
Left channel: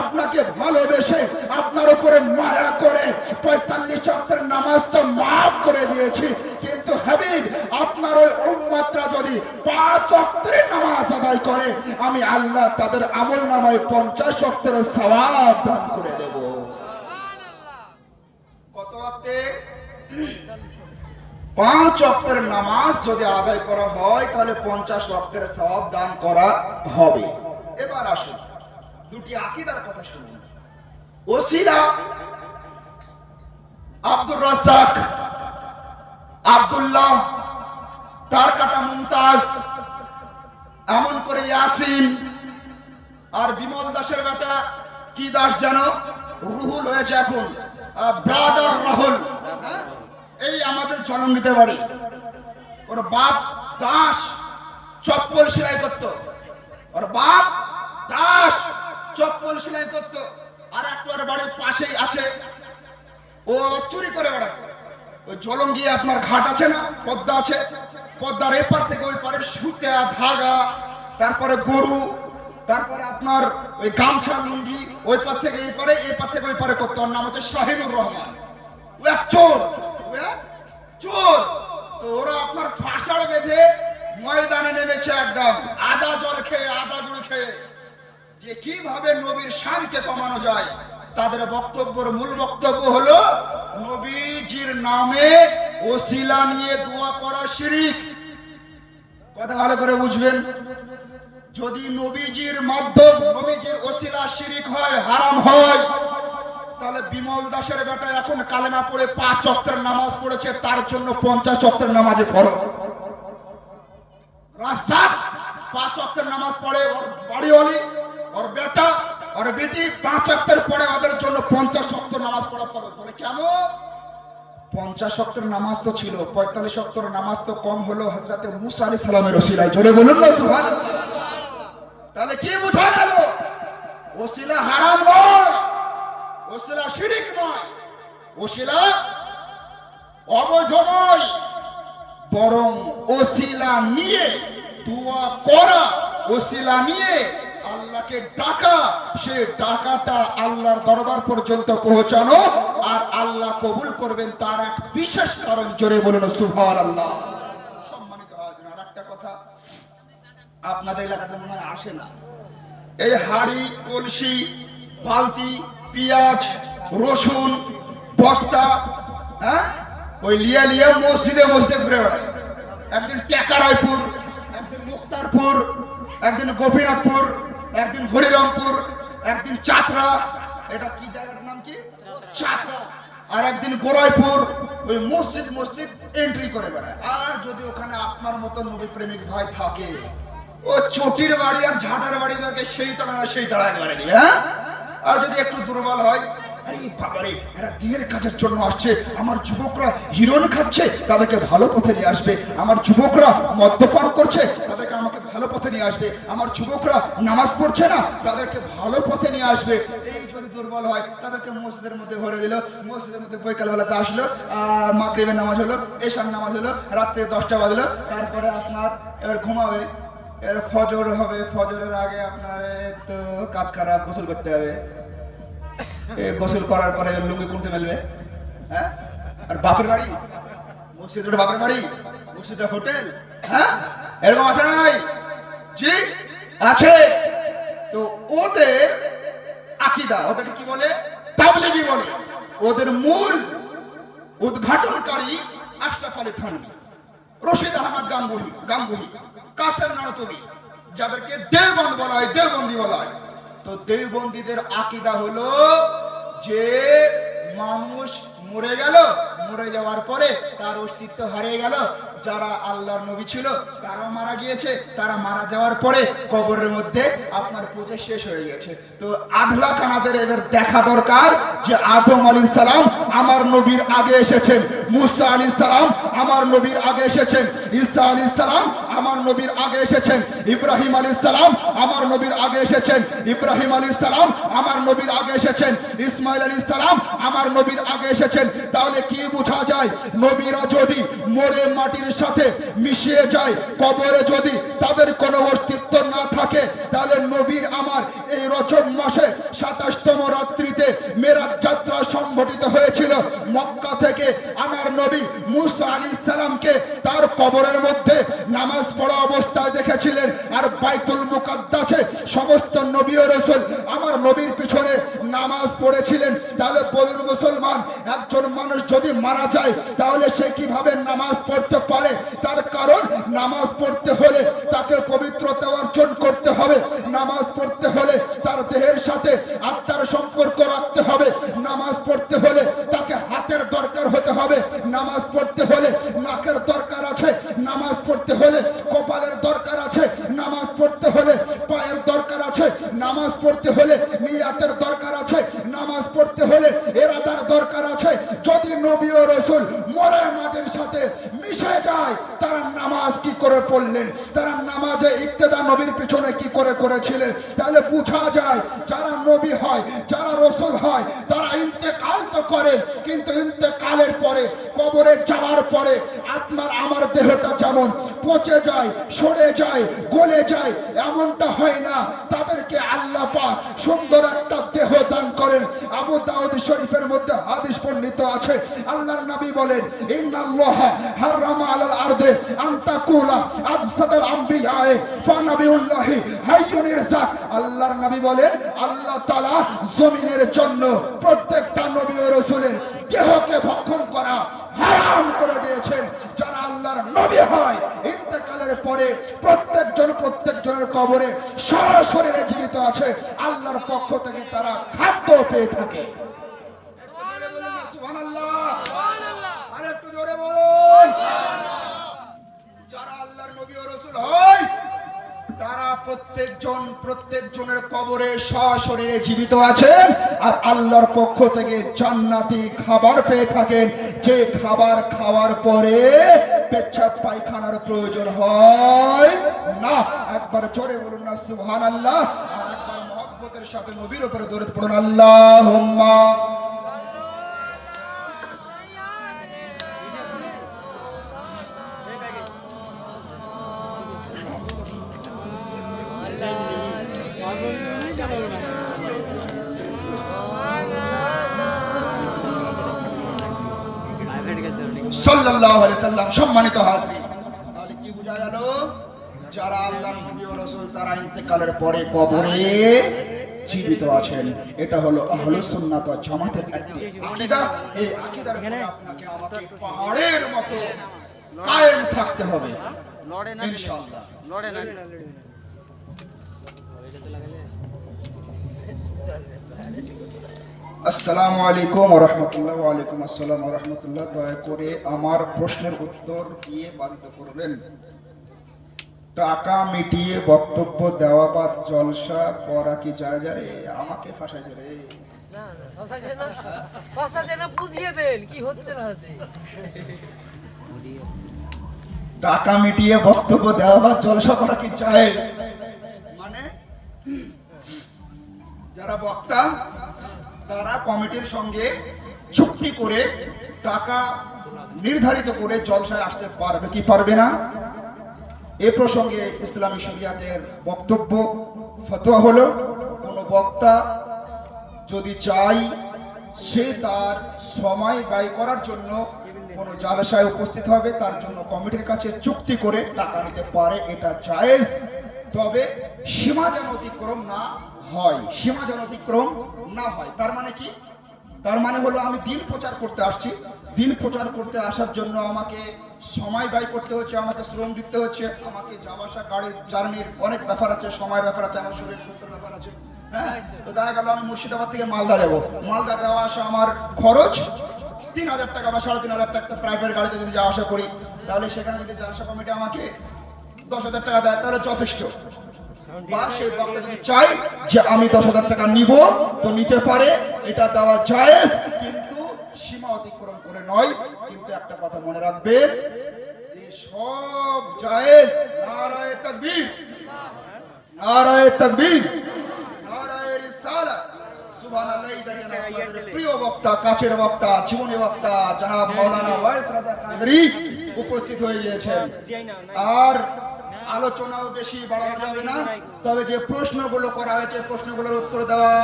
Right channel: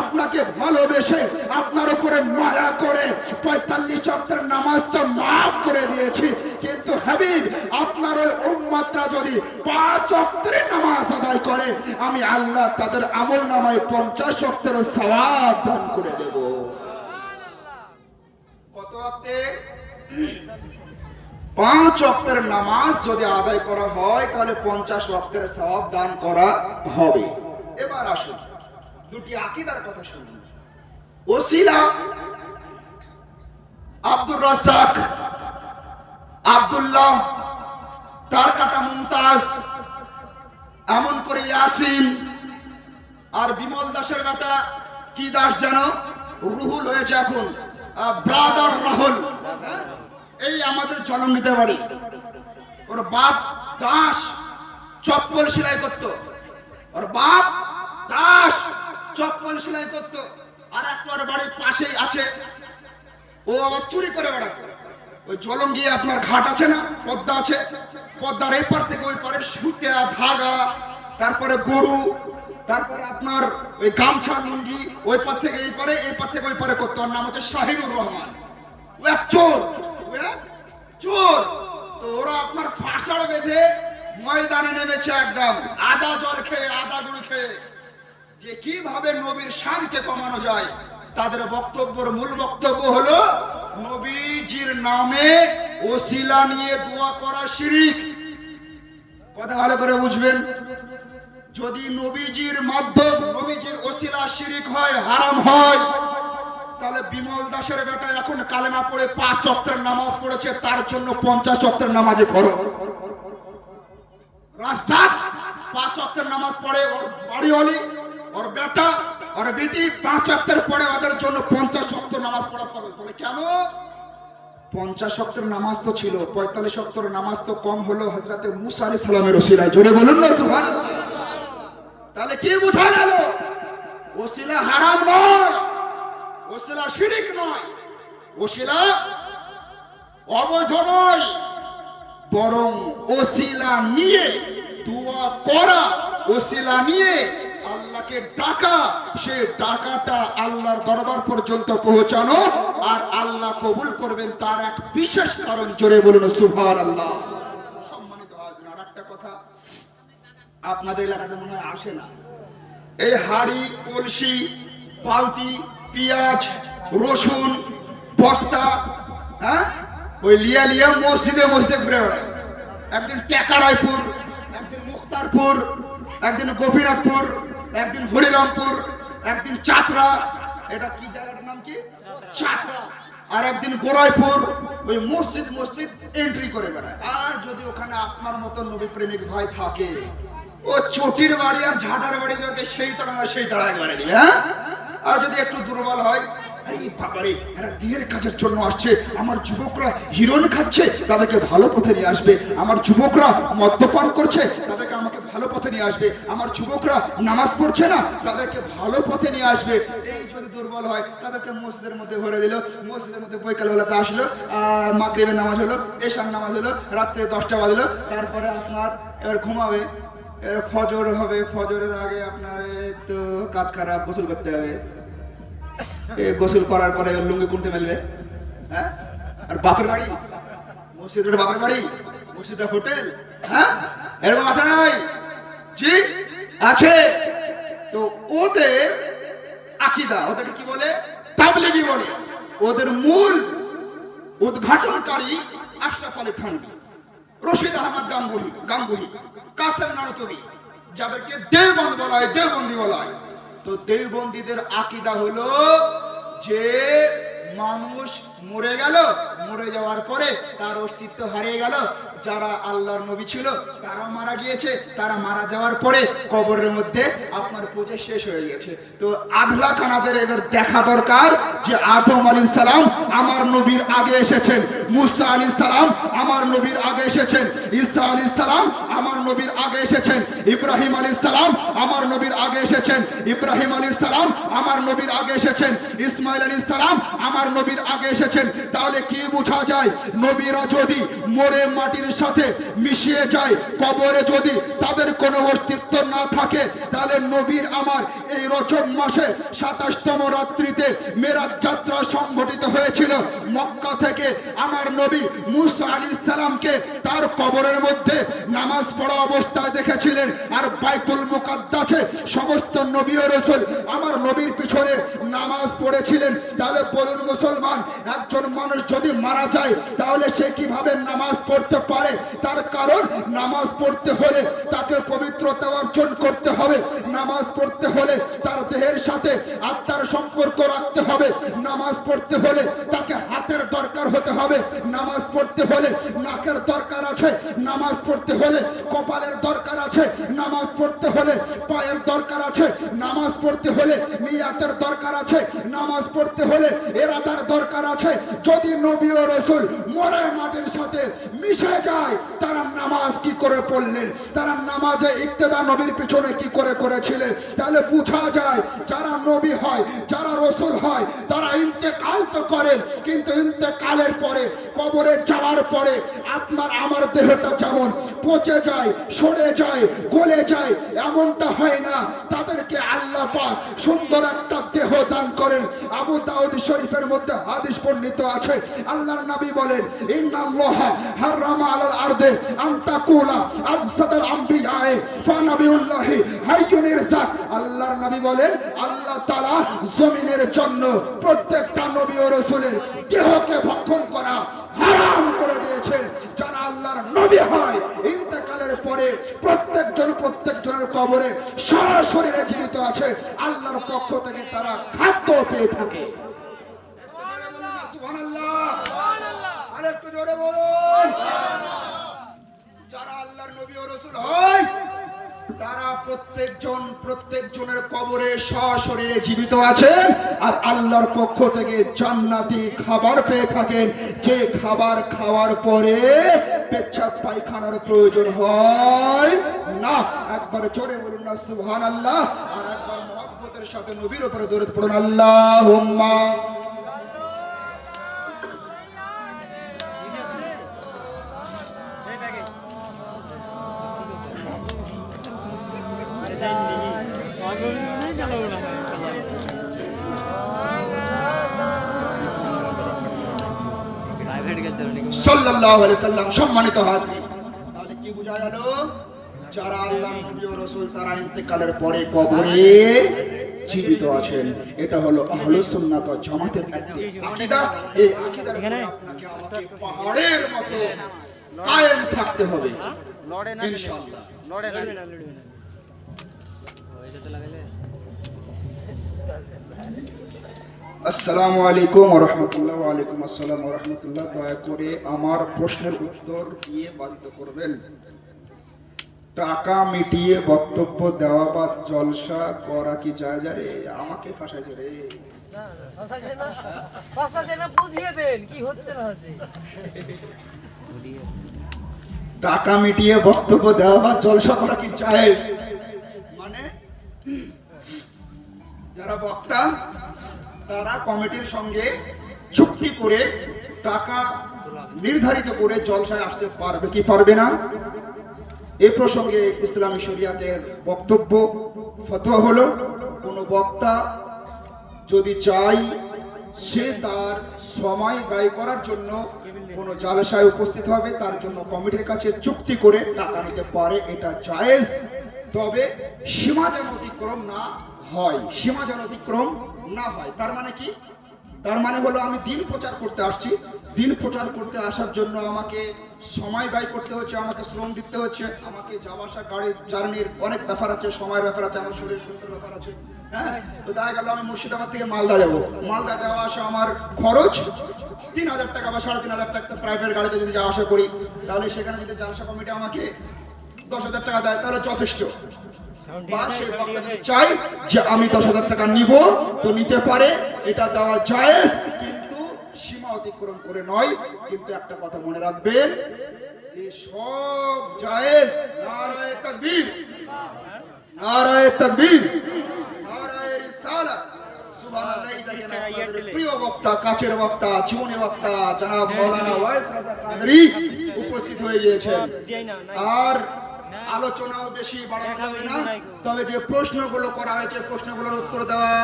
আপনাকে ভালোবেসে আপনার উপরে মায়া করে 45 ওয়াক্তের নামাজ তো মাফ করে দিয়েছি। কিন্তু হাবিব, আপনার ওই উম্মতরা যদি 5 ওয়াক্তের নামাজ আদায় করে, আমি আল্লাহ তাদের আমলনামায় 50 ওয়াক্তের সওয়াব দান করে দেব। কত ওয়াক্তের? 5 ওয়াক্তের নামাজ যদি আদায় করা হয়, তাহলে 50 ওয়াক্তের সওয়াব দান করা হবে। এবার আসুন, দুটি আকীদার কথা শুনুন। ওসিলা আব্দুর রাজ্জাক, আব্দুল্লাহ, তার কাটা মুমতাজ, এমন করে ইয়াসিন, আর বিমল দাসের কাটা কি দাস জানো? রুহুল হয়েছে এখন, ব্রাদার রাহুল। এই আমাদের জলঙ্গিতে বাড়ি। ওর বাপ দাস চপ্পল সেলাই করতো, ওর বাপ দাস চপ্পল সেলাই করতো। আর একটা ওর বাড়ির পাশেই আছে, ও চুরি করে বেড়াতো। ওই জলঙ্গি আপনার ঘাট আছে না, পদ্মা আছে, পদ্মার এপার থেকে ওই পারে সুতা, ধাগা, তারপরে গরু, তারপরে আপনার ওই গামছা, লুঙ্গি, ওই পার থেকে এই পারে, এই পার থেকে ওই পারে করতো। ওর নাম হচ্ছে শাহিনুর রহমান। ও এক চোর, চোর। তো ওরা আপনার ফাঁসড় বেঁধে ময়দানে নেমেছে, একদম আদা জল খেয়ে, আদা গুঁড়ো খেয়ে, যে কিভাবে নবীর শানকে কমানো যায়। তাদের বক্তব্যের মূল বক্তব্য হলো, নবীজির নামে ওসিলা নিয়ে দোয়া করা শিরক। কথা ভালো করে বুঝবেন। যদি নবীজির মাধ্যম, নবীজির ওসিলা শিরক হয়, হারাম হয়, তাহলে বিমল দাসের বেটা এখন কালেমা পড়ে 5 ওয়াক্তের নামাজ পড়েছে, তার জন্য 50 ওয়াক্তের নামাজে ফরজ। রাসাত 5 ওয়াক্তের নামাজ পড়ে, ওর বাড়িওয়ালি, ওর বেটা, ওর বেটি 5 ওয়াক্তের পড়ে, ওদের জন্য 50 ওয়াক্ত নামাজ পড়া ফরজ। বলে কেন? 50 ওয়াক্তের নামাজ তো ছিল, 45 ওয়াক্তের নামাজ তো কম হলো হযরতে মুসা আলাইহিস সালামের ওসিলায়। জোরে বলুন না সুবহানাল্লাহ। তাহলে কি বোঝা গেল? ওসিলা হারাম নয়, ওসিলা শিরক নয়, ওসিলা অবৈধ নয়, বরং ওসিলা নিয়ে দোয়া করা, ওসিলা নিয়ে আল্লাহকে ডাকা, সে ডাকাটা আল্লাহর দরবার পর্যন্ত পৌঁছানো, আর আল্লাহ কবুল করবেন তার এক বিশেষ কারণ। জোরে বলুন সুবহানাল্লাহ। সম্মানিত হাজির, আর একটা কথা আপনাদের এলাকাতে মনে হয় আসে না, এই হাড়ি, কলসি, বালতি, পেঁয়াজ, রসুন, বস্তা, হ্যাঁ, ওই লিয়া লিয়া মসজিদে মসজিদে ঘুরে বেড়ায়। একদিন টেকারাইপুর, একদিন মুক্তারপুর, একদিন গোপীনাথপুর, একদিন হরিরামপুর, একদিন চাতরা, এটা কি জায়গাটার নাম কি? চাতরা। আর একদিন গোরাইপুর, ওই মসজিদ মসজিদ এন্ট্রি করে বেড়ায়। আর যদি ওখানে আপনার মতো নবী প্রেমিক ভাই থাকে, ও চটির বাড়ি আর ঝাঁটার বাড়ি থাকে, সেই তারা সেই তারা একবারে দিবে। হ্যাঁ, আর যদি একটু দুর্বল হয়, আরে বাবারে এরা দিনের কাজের জন্য আসছে, আমার যুবকরা হিরোইন খাচ্ছে, তাদেরকে ভালো পথে নিয়ে আসবে, আমার যুবকরা মদ্যপান করছে, তাদেরকে আমাকে ভালো পথে নিয়ে আসবে, আমার যুবকরা নামাজ পড়ছে না, তাদেরকে ভালো পথে নিয়ে আসবে। এই যদি দুর্বল হয়, তাদেরকে মসজিদের মধ্যে ভরে দিল, মসজিদের মধ্যে বৈকালবেলাতে আসলো, মাগরিবের নামাজ হলো, এশার নামাজ হলো, রাত্রে 10টা বাজলো, তারপরে আপনার এবার ঘুমাবে, ফজর হবে, ফজরের আগে আপনার তো কাজ খারাপ, গোসল করতে হবে, গোসল করার পরে লুঙ্গি কুনতে মেলবে। হ্যাঁ, আর বাপের বাড়ি মসজিদ, বাপের বাড়ি মসজিদ হোটেল, হ্যাঁ, এরকম আছে না ভাই? জি আছে। তো ওদের আকীদা, ওদেরকে কি বলে? তাবলীগী বলে। ওদের মূল উদ্ঘাটনকারী আশরাফ আলী থানভী, রশিদ আহমদ গাঙ্গুহি, কাসেম নানতবি, যাদেরকে দেওবন্দ বলা হয়, দেওবন্দি বলা হয়। তো দেওবন্দীদের আকীদা হলো যে মানুষ মরে গেল, মরে যাওয়ার পরে তার অস্তিত্ব হারিয়ে গেল, যারা আল্লাহর নবী ছিল তারাও মারা গিয়েছে, তারা মারা যাওয়ার পরে কবরের মধ্যে আপনার পূজা শেষ হয়ে গেছে। তো আধলা কানাদের এবার দেখা দরকার যে আদম আলাইহিস সালাম আমার নবীর আগে এসেছেন, মুসা আলাইহিস সালাম আমার নবীর আগে এসেছেন, ঈসা আলাইহিস সালাম আমার নবীর আগে এসেছেন, ইব্রাহিম আলাইহিস সালাম আমার নবীর আগে এসেছেন, ইব্রাহিম আলাইহিস সালাম আমার নবীর আগে এসেছেন, ইসমাইল আলাইহিস সালাম আমার নবীর আগে এসেছেন। তাহলে কি বোঝা যায়? নবীরা যদি মরে মাটির সাথে মিশিয়ে যায়, কবরে যদি তাদের কোনো অস্তিত্ব না থাকে, তাহলে নবীর আমার এই রজব মাসে 27তম রাত্রিতে মেরাজ যাত্রা সংঘটিত হয়েছিল। মক্কা থেকে আমার নবী মুসা আলাইহিস সালামকে তার কবরের মধ্যে নামাজ পড়া অবস্থায় দেখেছিলেন, আর বাইতুল মুকাদ্দাসে সমস্ত নবী ও রাসূল আমার নবীর পিছনে নামাজ পড়েছিলেন। তাহলে বলুন মুসলমান, একজন মানুষ যদি মারা যায় তাহলে সে কিভাবে নামাজ পড়তে পারে? তার কারণ নামাজ পড়তে হলে তাকে পবিত্রতা অর্জন করতে হবে, নামাজ পড়তে হলে তার দেহের সাথে আত্মার সম্পর্ক রাখতে হবে, নামাজ পড়তে হলে তাকে হাতের দরকার হতে হবে, নামাজ পড়তে হলে নাকের দরকার আছে, নামাজ পড়তে হলে কপালের দরকার আছে, নামাজ পড়তে হলে পায়ের দরকার আছে, নামাজ পড়তে হলে নিয়াতের দরকার আছে, নামাজ পড়তে হলে ইরাদার দরকার আছে। যদি নবী ও রাসূল মরে মাটির সাথে মিশে যায়, তারা নামাজ কি করে পড়লেন? তারা নামাজে ইক্তেদা নবীর পিছনে কি করে করেছিলেন? তাহলে বোঝা যায় যারা নবী হয়, যারা রাসূল হয়, তারা ইন্তেকাল তো করেন, কিন্তু ইন্তেকালের পরে কবরে যাওয়ার পরে আপনার আমার দেহটা যেমন পচে যায়, সরে যায়, গলে যায়, এমনটা হয় না। তাদেরকে আল্লাহ পাক সুন্দর একটা দেহ দান করেন। আবু দাউদ শরীফের মধ্যে হাদিস বর্ণিত আছে, আল্লাহর নবী বলেন, ইন্নাল্লাহা হারামা আলাল আরদে আন তাকুলা আজসাদাল আমবিয়ায়ে ফানাবিউল্লাহি হাইয়ুন ইরসাক। আল্লাহর নবী বলেন, আল্লাহ তাআলা জমিনের জন্য প্রত্যেকটা নবী ও রাসূলের দেহকে ভক্ষণ করা হারাম করে দিয়েছেন। যারা আল্লাহর নবী হয়, ইন্তেকালের পরে প্রত্যেকজনের কবরে সশরীরে জীবিত আছে, আল্লাহর পক্ষ থেকে তারা খাদ্য পেয়ে থাকে। জোরে বলুন। যারা আল্লাহর নবী ও রাসূল হয় তারা প্রত্যেকজনের কবরে সশরীরে জীবিত আছেন আর আল্লাহর পক্ষ থেকে জান্নাতি খাবার পেয়ে থাকেন, যে খাবার খাওয়ার পরে পেচ্ছাপ পায়খানার প্রয়োজন হয় না। একবার জোরে বলুন না সুবহানাল্লাহ, আর একবার মহব্বতের সাথে নবীর উপরে দরুদ পড়ুন আল্লাহুম্মা। সাল্লাল্লাহু আলাইহি ওয়াসাল্লাম। সম্মানিত হাজরিন, তাহলে কি বোঝা গেল? যারা আল্লাহর নবী ও রাসূল তারা ইন্তেকালের পরে কবরে জীবিত আছেন। এটা হলো আহলুস সুন্নাত ওয়াল জামাতের আকীদা। এই আকীদার উপরে আপনাকে আমাকে পাহাড়ের মতো কায়েম থাকতে হবে ইনশাআল্লাহ। আসসালামু আলাইকুম ওয়া রাহমাতুল্লাহ। ওয়া আলাইকুম আসসালাম ওয়া রাহমাতুল্লাহ। দয়া করে আমার প্রশ্নের উত্তর দিয়ে বাধিত করবেন। টাকা মিটিয়ে বক্তব্য দেওয়া বা জলসা করা কি জায়েজ? রে আমাকে ফাঁসাইছে রে, টাকা মিটিয়ে বক্তব্য দেওয়া বা জলসা করা কি জায়েজ? মানে যারা বক্তা তারা কমিটির সঙ্গে চুক্তি করে টাকা নির্ধারিত করে জলসায় আসতে পারবে কি পারবে না? এ প্রসঙ্গে ইসলামী শরিয়াতের বক্তব্য ফতোয়া হলো, কোন বক্তা যদি চাই সে তার সময় ব্যয় করার জন্য কোন জলসায় উপস্থিত হবে, তার জন্য কমিটির কাছে চুক্তি করে টাকা নিতে পারে, এটা জায়েজ। তবে সীমা যেন অতিক্রম না হয়, সীমা যেন অতিক্রম না হয়। তার মানে কি? তার মানে হলো আমি দিন প্রচার করতে আসছি, দিন প্রচার করতে আসার জন্য আমাকে সময় ব্যয় করতে হচ্ছে, আমাকে শ্রম দিতে হচ্ছে, আমাকে যাওয়া আসা গাড়ির জার্নির অনেক ব্যাপার আছে, সময় ব্যাপার আছে, আমার শরীর সুস্থ ব্যাপার আছে। হ্যাঁ, তো দেখা গেল আমি মুর্শিদাবাদ থেকে মালদা যাবো, মালদা যাওয়া আসা আমার খরচ 3000 টাকা বা 3500 টাকা প্রাইভেট গাড়িতে যদি যাওয়া আসা করি, তাহলে সেখানে যদি জালসা কমিটি আমাকে 10,000 টাকা দেয় তাহলে যথেষ্ট। বা সেই বক্তা যদি চাই যে আমি 10,000 টাকা নিব, তো নিতে পারে, এটা দেওয়া জায়েজ, কিন্তু সীমা অতিক্রম করে নয়। কিন্তু একটা কথা মনে রাখবেন যে সব জায়েজ। নারায়ে তাকবীর, নারায়ে তাকবীর, নারায়ে রিসালাত, সুবহানাল্লাহ। আপনাদের প্রিয় বক্তা, কাছের বক্তা, জীবনী বক্তা জনাব মাওলানা ওয়াইস রাজা কাদরী উপস্থিত হয়ে গিয়েছেন। আর আলোচনাও বেশি বাড়ানো যাবে না, তবে যে প্রশ্নগুলো করা হয়েছে প্রশ্নগুলোর উত্তর দেওয়া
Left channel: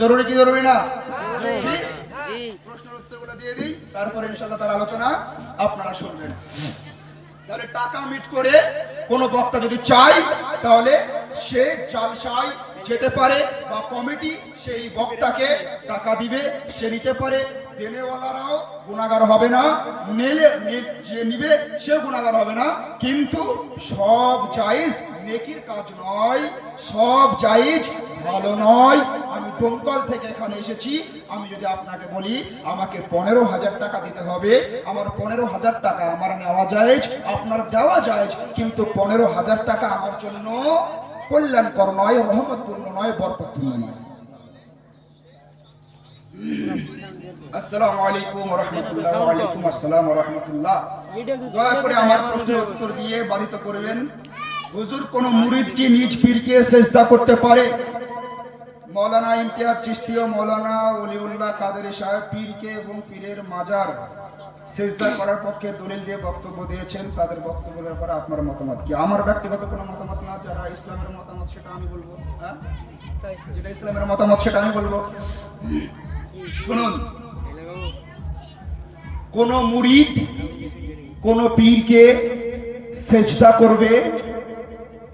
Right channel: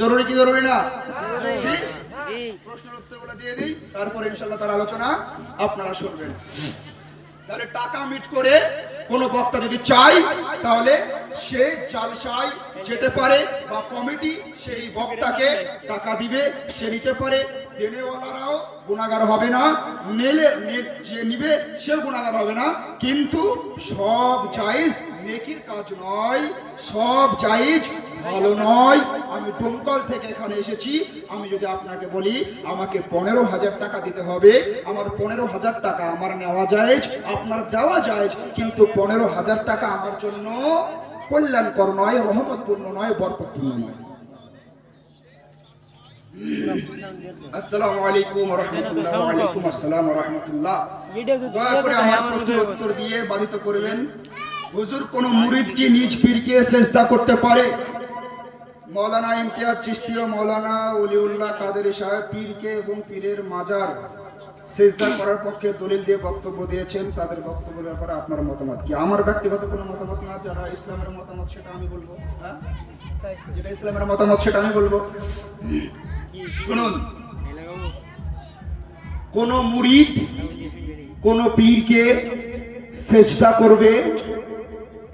জরুরি কি জরুরি না? প্রশ্নের উত্তরগুলো দিয়ে দিই, তারপরে ইনশাআল্লাহ তার আলোচনা আপনারা শুনবেন। তাহলে টাকা মিট করে কোন বক্তা যদি চাই তাহলে সে জালসায় যেতে পারে, বা কমিটি সেই বক্তাকে টাকা দিবে, সে নিতে পারে। দেনেওয়ালারাও গুনাহগার হবে না, যে নিবে সেও গুনাহগার হবে না। কিন্তু সব জায়েজ নেকির কাজ নয়, সব জায়েজ ভালো নয়। আমি ডোমকল থেকে এখানে এসেছি, আমি যদি আপনাকে বলি আমাকে 15,000 টাকা দিতে হবে, আমার 15,000 টাকা আমার নেওয়া জায়েজ, আপনার দেওয়া জায়েজ, কিন্তু 15,000 টাকা আমার জন্য কল্যাণকর নয়, রহমতপূর্ণ নয়, বরকতপূর্ণ নয়। আসসালামু আলাইকুম ওয়া রাহমাতুল্লাহ। ওয়া আলাইকুম আসসালাম ওয়া রাহমাতুল্লাহ। দয়া করে আমার প্রশ্নের উত্তর দিয়ে বাধিত করবেন। হুজুর, কোন মুরিদ কি নিজ পীরকে সিজদা করতে পারে? মাওলানা ইমতিয়াজ চিশতি ও মাওলানা ওলিউল্লাহ কাদেরী সাহেব পীরকে এবং পীরের মাজার সিজদা করার পক্ষে দলিল দিয়ে বক্তব্য দিয়েছেন, তাদের বক্তব্যের ব্যাপারে আপনার মতামত কি? আমার ব্যক্তিগত কোনো মতামত না, যারা ইসলামের মতামত সেটা আমি বলবো। হ্যাঁ, যেটা ইসলামের মতামত সেটা আমি বলবো। শুনুন, কোন মুরিদ কোন পীরকে সিজদা করবে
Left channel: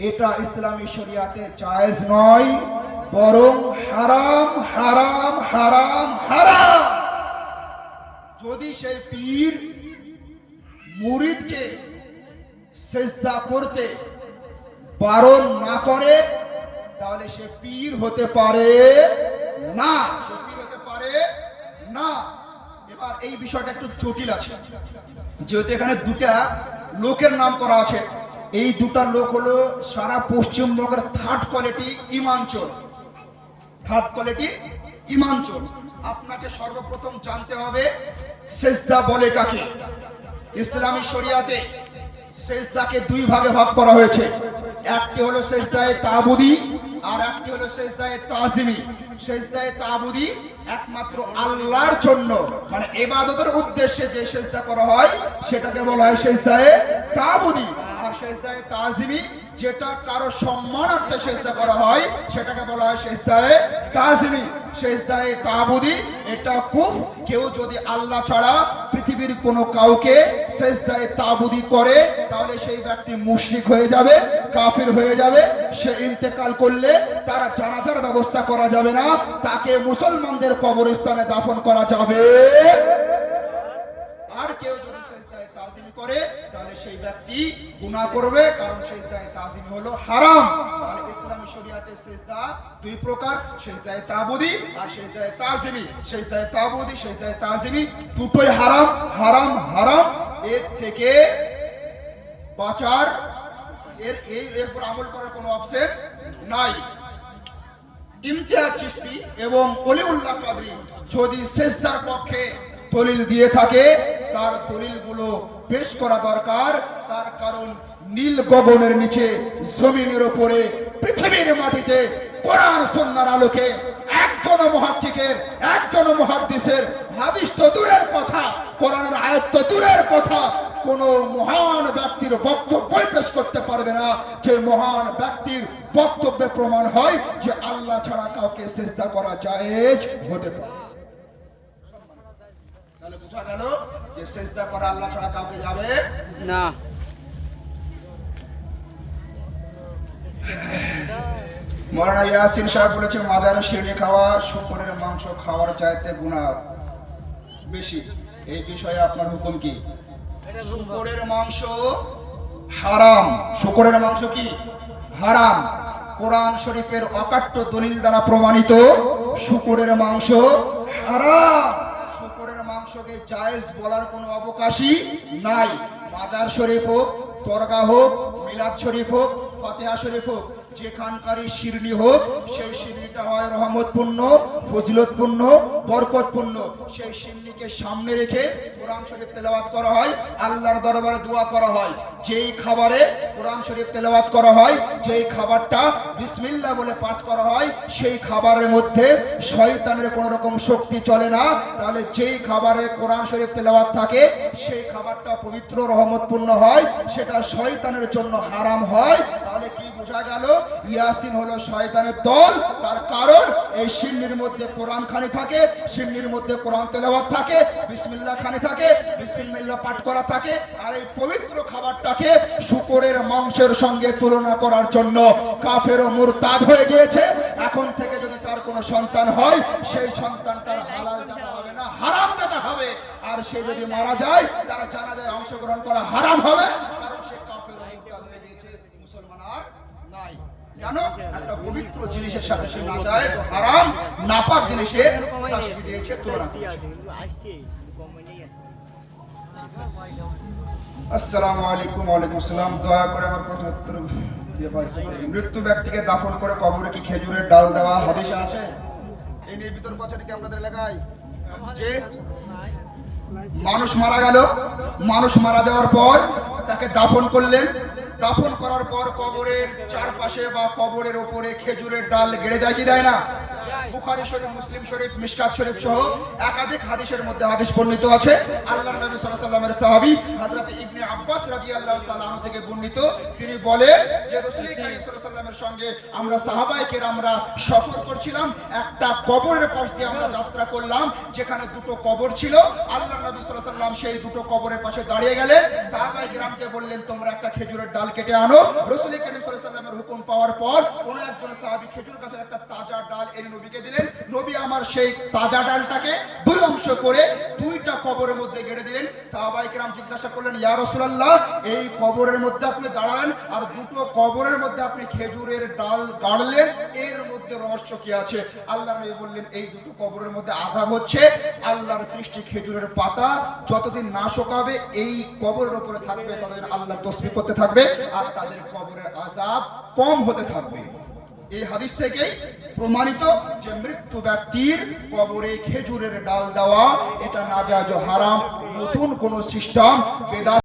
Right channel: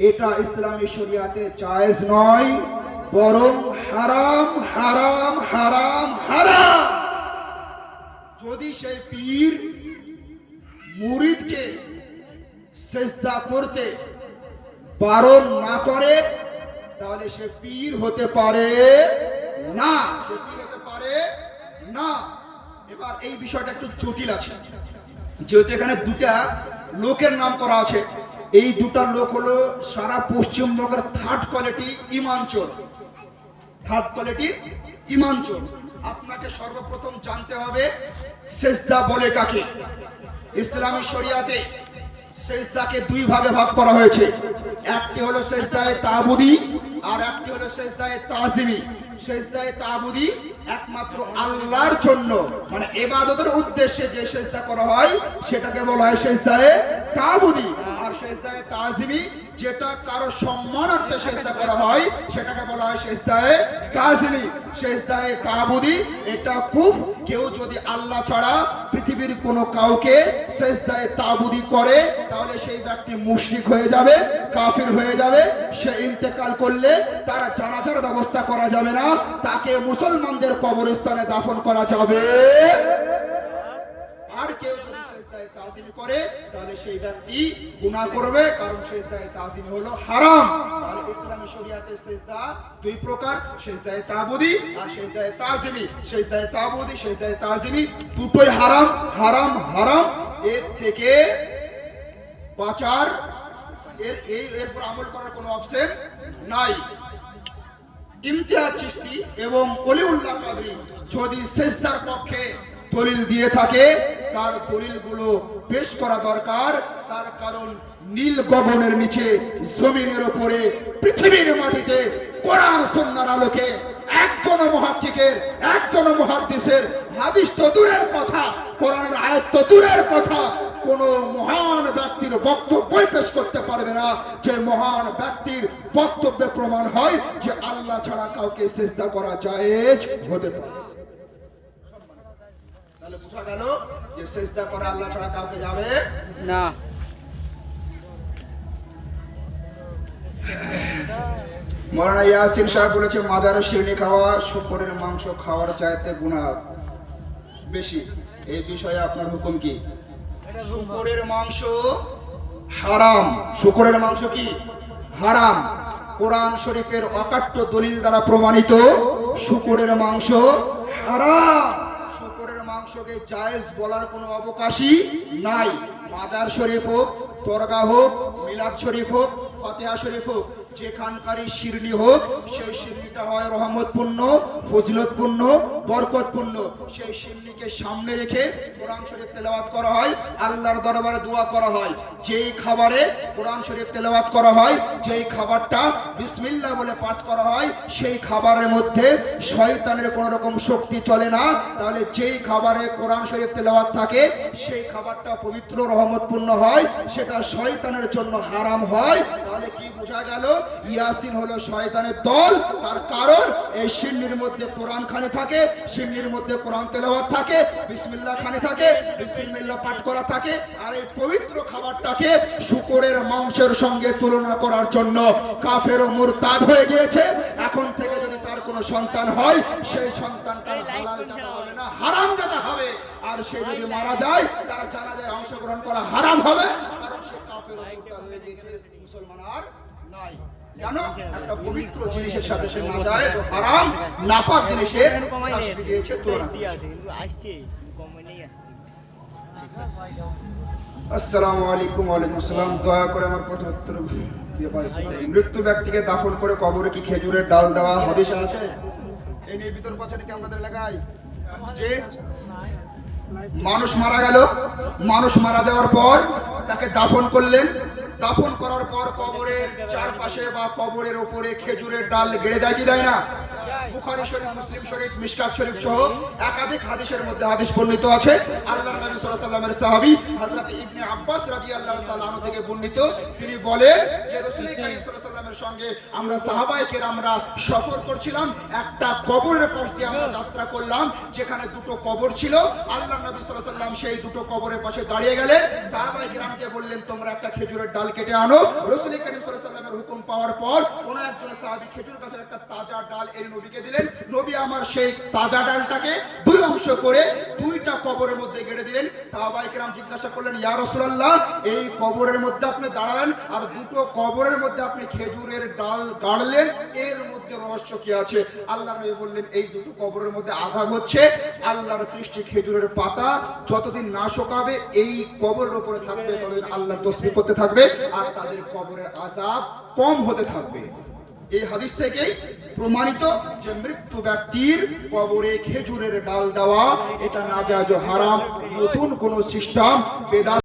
এটা ইসলামী শরিয়াতে জায়েজ নয়, বরং হারাম, হারাম, হারাম, হারাম। যদি সেই পীর মুরিদকে সিজদা করতে বারণ না করে তাহলে সে পীর হতে পারে না, সে পীর হতে পারে না। এবার এই বিষয়টা একটু জটিল আছে, যেহেতু এখানে দুটা লোকের নাম করা আছে, এই দুটা লোক হলো সারা পশ্চিমবঙ্গের থার্ড কোয়ালিটি ইমানচোর। থার্ড কোয়ালিটি ইমানচোর। আপনাকে সর্বপ্রথম জানতে হবে সেজদা বলে কাকে। ইসলামী শরিয়াতে সেজদাকে দুই ভাগে ভাগ করা হয়েছে। একটি হলো সেজদায়ে তাবুদি আর একটি হলো সেজদায়ে তাজিমি। সেজদায়ে তাবুদি একমাত্র আল্লাহর জন্য, মানে ইবাদতের উদ্দেশ্যে যে সেজদা করা হয় সেটাকে বলা হয় সেজদায়ে তাবুদি। আর সেজদায়ে তাজিমি যেটা কারো সম্মানার্থে সেজদা করা হয় সেটাকে বলা হয় সেজদায়ে তাজিমি। সেজদায়ে তাবুদি এটা কুফর। কেউ যদি আল্লাহ ছাড়া পৃথিবীর কোনো কাউকে সেজদায়ে তাবুদি করে তাহলে সেই ব্যক্তি মুশরিক হয়ে যাবে, কাফির হয়ে যাবে। সে ইন্তেকাল করলে তার জানাজার ব্যবস্থা করা যাবে না, তাকে মুসলমানদের কবরস্থানে দাফন করা যাবে। আর কেউ যদি সেজদায়ে তাজিম করে তাহলে সেই ব্যক্তি গুনাহ করবে, কারণ সেজদায়ে তাজিম হলো হারাম। তাহলে ইসলামী শরিয়াতে সেজদা দুই প্রকার, সেজদায়ে তাবুদি আর সেজদায়ে তাজিমি। সেজদায়ে তাবুদি, সেজদায়ে তাজিমি দুটোই হারাম, হারাম, হারাম। এর থেকে বাঁচার এরপর আমল করার কোনো অপশন নাই। ইমতিয়াজ চিশতি এবং অলিউল্লাহ কাদরি যদি সেজদার পক্ষে দলিল দিয়ে থাকে তার দলিলগুলো পেশ করা দরকার। তার কারণ নীল গগনের নিচে, জমিনের উপরে, পৃথিবীর মাটিতে কোরআন সুন্নাহর আলোকে একজন মুহাক্কিকের, একজন মুহাদ্দিসের হাদিস তো দূরের কথা, কোরআনের আয়াত তো দূরের কথা, কোন মহান ব্যক্তির বক্তব্যই পেশ করতে পারবে না যে মহান ব্যক্তির বক্তব্যে প্রমাণ হয় যে আল্লাহ ছাড়া কাউকে সিজদা করা জায়েজ হতে পারে। তাহলে বোঝা গেল যে সিজদা করা আল্লাহ ছাড়া কাউকে যাবে না। মাওলানা ইয়াসিন সাহেব বলেছে মাজারে শিরনি খাওয়া শুকরের মাংস খাওয়ার চাইতে গুনাহ বেশি। এই বিষয়ে আপনার হুকুম কি? শুকরের মাংস হারাম। শুকরের মাংস কি হারাম? কোরআন শরীফের অকাট্য দলিল দ্বারা প্রমাণিত শুকরের মাংস হারাম। শুকরের মাংসকে জায়েজ বলার কোনো অবকাশই নাই। মাজার শরীফ হোক, দরগা হোক, মিলাদ শরীফ হোক, ফাতিহা শরীফ হোক, যেখানকারই শিরনি হোক সেই শিরনিটা হয় রহমতপূর্ণ, ফজিলতপূর্ণ, বরকতপূর্ণ। সেই শিরনিকে সামনে রেখে কোরআন শরীফ তেলাওয়াত করা হয়, আল্লাহর দরবারে দোয়া করা হয়। যেই খাবারে কোরআন শরীফ তেলাওয়াত করা হয়, যেই খাবারটা বিসমিল্লাহ বলে পাঠ করা হয়, সেই খাবারের মধ্যে শয়তানের কোনো রকম শক্তি চলে না। তাহলে যেই খাবারে কোরআন শরীফ তেলাওয়াত থাকে সেই খাবারটা পবিত্র, রহমতপূর্ণ হয়, সেটা শয়তানের জন্য হারাম হয়। তাহলে কি বোঝা গেল? ইয়াসিন হলো শয়তানের দল। তার কারণ এই শিরনির মধ্যে কোরআন খানি থাকে, শিরনির মধ্যে কোরআন তেলাওয়াত থাকে, বিসমিল্লাহ খানি থাকে, বিসমিল্লাহ পাঠ করা থাকে। আর এই পবিত্র খাবারটাকে শুকরের মাংসের সঙ্গে তুলনা করার জন্য কাফের ও মুরতাদ হয়ে গিয়েছে। এখন থেকে যদি তার কোনো সন্তান হয় সেই সন্তানটার হালাল জাতা হবে না, হারাম জাতা হবে। আর সে যদি মারা যায় তারা জানাজায় অংশগ্রহণ করা হারাম হবে, কারণ সে কাফের ও মুরতাদ হয়ে গিয়েছে, মুসলমান আর নাই। কেন? একটা পবিত্র জিনিসের সাথে সে নাজায়েজ ও হারাম নাপাক জিনিসের তাসবি দিয়েছে, তুলনা দিয়েছে। আসসালামু আলাইকুম। ওয়ালাইকুম আসসালাম। দয়া করে আমার কথা উত্তর দিয়ে ভাই। মৃত্যু ব্যক্তিকে দাফন করে কবরে কি খেজুরের ডাল দেওয়া হাদিসে আছে? এই নিয়ে বিতর্ক আছে নাকি আমাদের এলাকায়? যে মানুষ মারা গেল, মানুষ মারা যাওয়ার পর তাকে দাফন করলেন, দাফন করার পর কবরের চারপাশে বা কবরের উপরে খেজুরের ডাল গেড়ে দেয় কি দেয় না? বুখারী শরীফ, মুসলিম শরীফ, মিশকাত শরীফ সহ একাধিক হাদিসের মধ্যে হাদিস বর্ণিত আছে। আল্লাহর নবী সাল্লাল্লাহু আলাইহি ওয়াসাল্লামের সাহাবী হযরত ইবনে আব্বাস রাদিয়াল্লাহু তাআলা আনহু থেকে বর্ণিত, তিনি বলেন যে রাসূল কারীম সাল্লাল্লাহু আলাইহি ওয়াসাল্লামের সঙ্গে আমরা সাহাবায়ে কেরামরা সফর করছিলাম। একটা কবরের পাশ দিয়ে আমরা যাত্রা করলাম যেখানে দুটো কবর ছিল। আল্লাহর নবী সাল্লাল্লাহু আলাইহি ওয়াসাল্লাম সেই দুটো কবরের পাশে দাঁড়িয়ে গেলেন, সাহাবায়ে কেরামকে বললেন তোমরা একটা খেজুরের ডাল কেটে আনো। রাসূল করিম সাল্লাল্লাহু আলাইহি ওয়াসাল্লামের হুকুম পাওয়ার পর কোন একজন সাহাবী খেজুর গাছের একটা তাজা ডাল এনে নবীকে দিলেন। নবী আমার সেই তাজা ডালটাকে দুই অংশ করে দুইটা কবরের মধ্যে গেড়ে দিলেন। সাহাবায়ে কেরাম জিজ্ঞাসা করলেন, ইয়া রাসূলুল্লাহ, এই কবরের মধ্যে আপনি দাঁড়ালেন আর দুটো কবরের মধ্যে আপনি খেজুরের ডাল গাড়লেন, এর মধ্যে রহস্য কি আছে? আল্লাহ নবী বললেন, এই দুটো কবরের মধ্যে আযাব হচ্ছে আল্লাহর সৃষ্টি খেজুরের পাতা যতদিন না শুকাবে এই কবরের উপরে থাকবে ততদিন আল্লাহর তাসবিহ করতে থাকবে আর তাদের কবরের আযাব কম হতে থাকবে। এই হাদিস থেকেই প্রমাণিত যে মৃত্যু ব্যক্তির কবরে খেজুরের ডাল দেওয়া এটা নাজায়েজ ও হারাম, নতুন কোন সিস্টেম বেদাত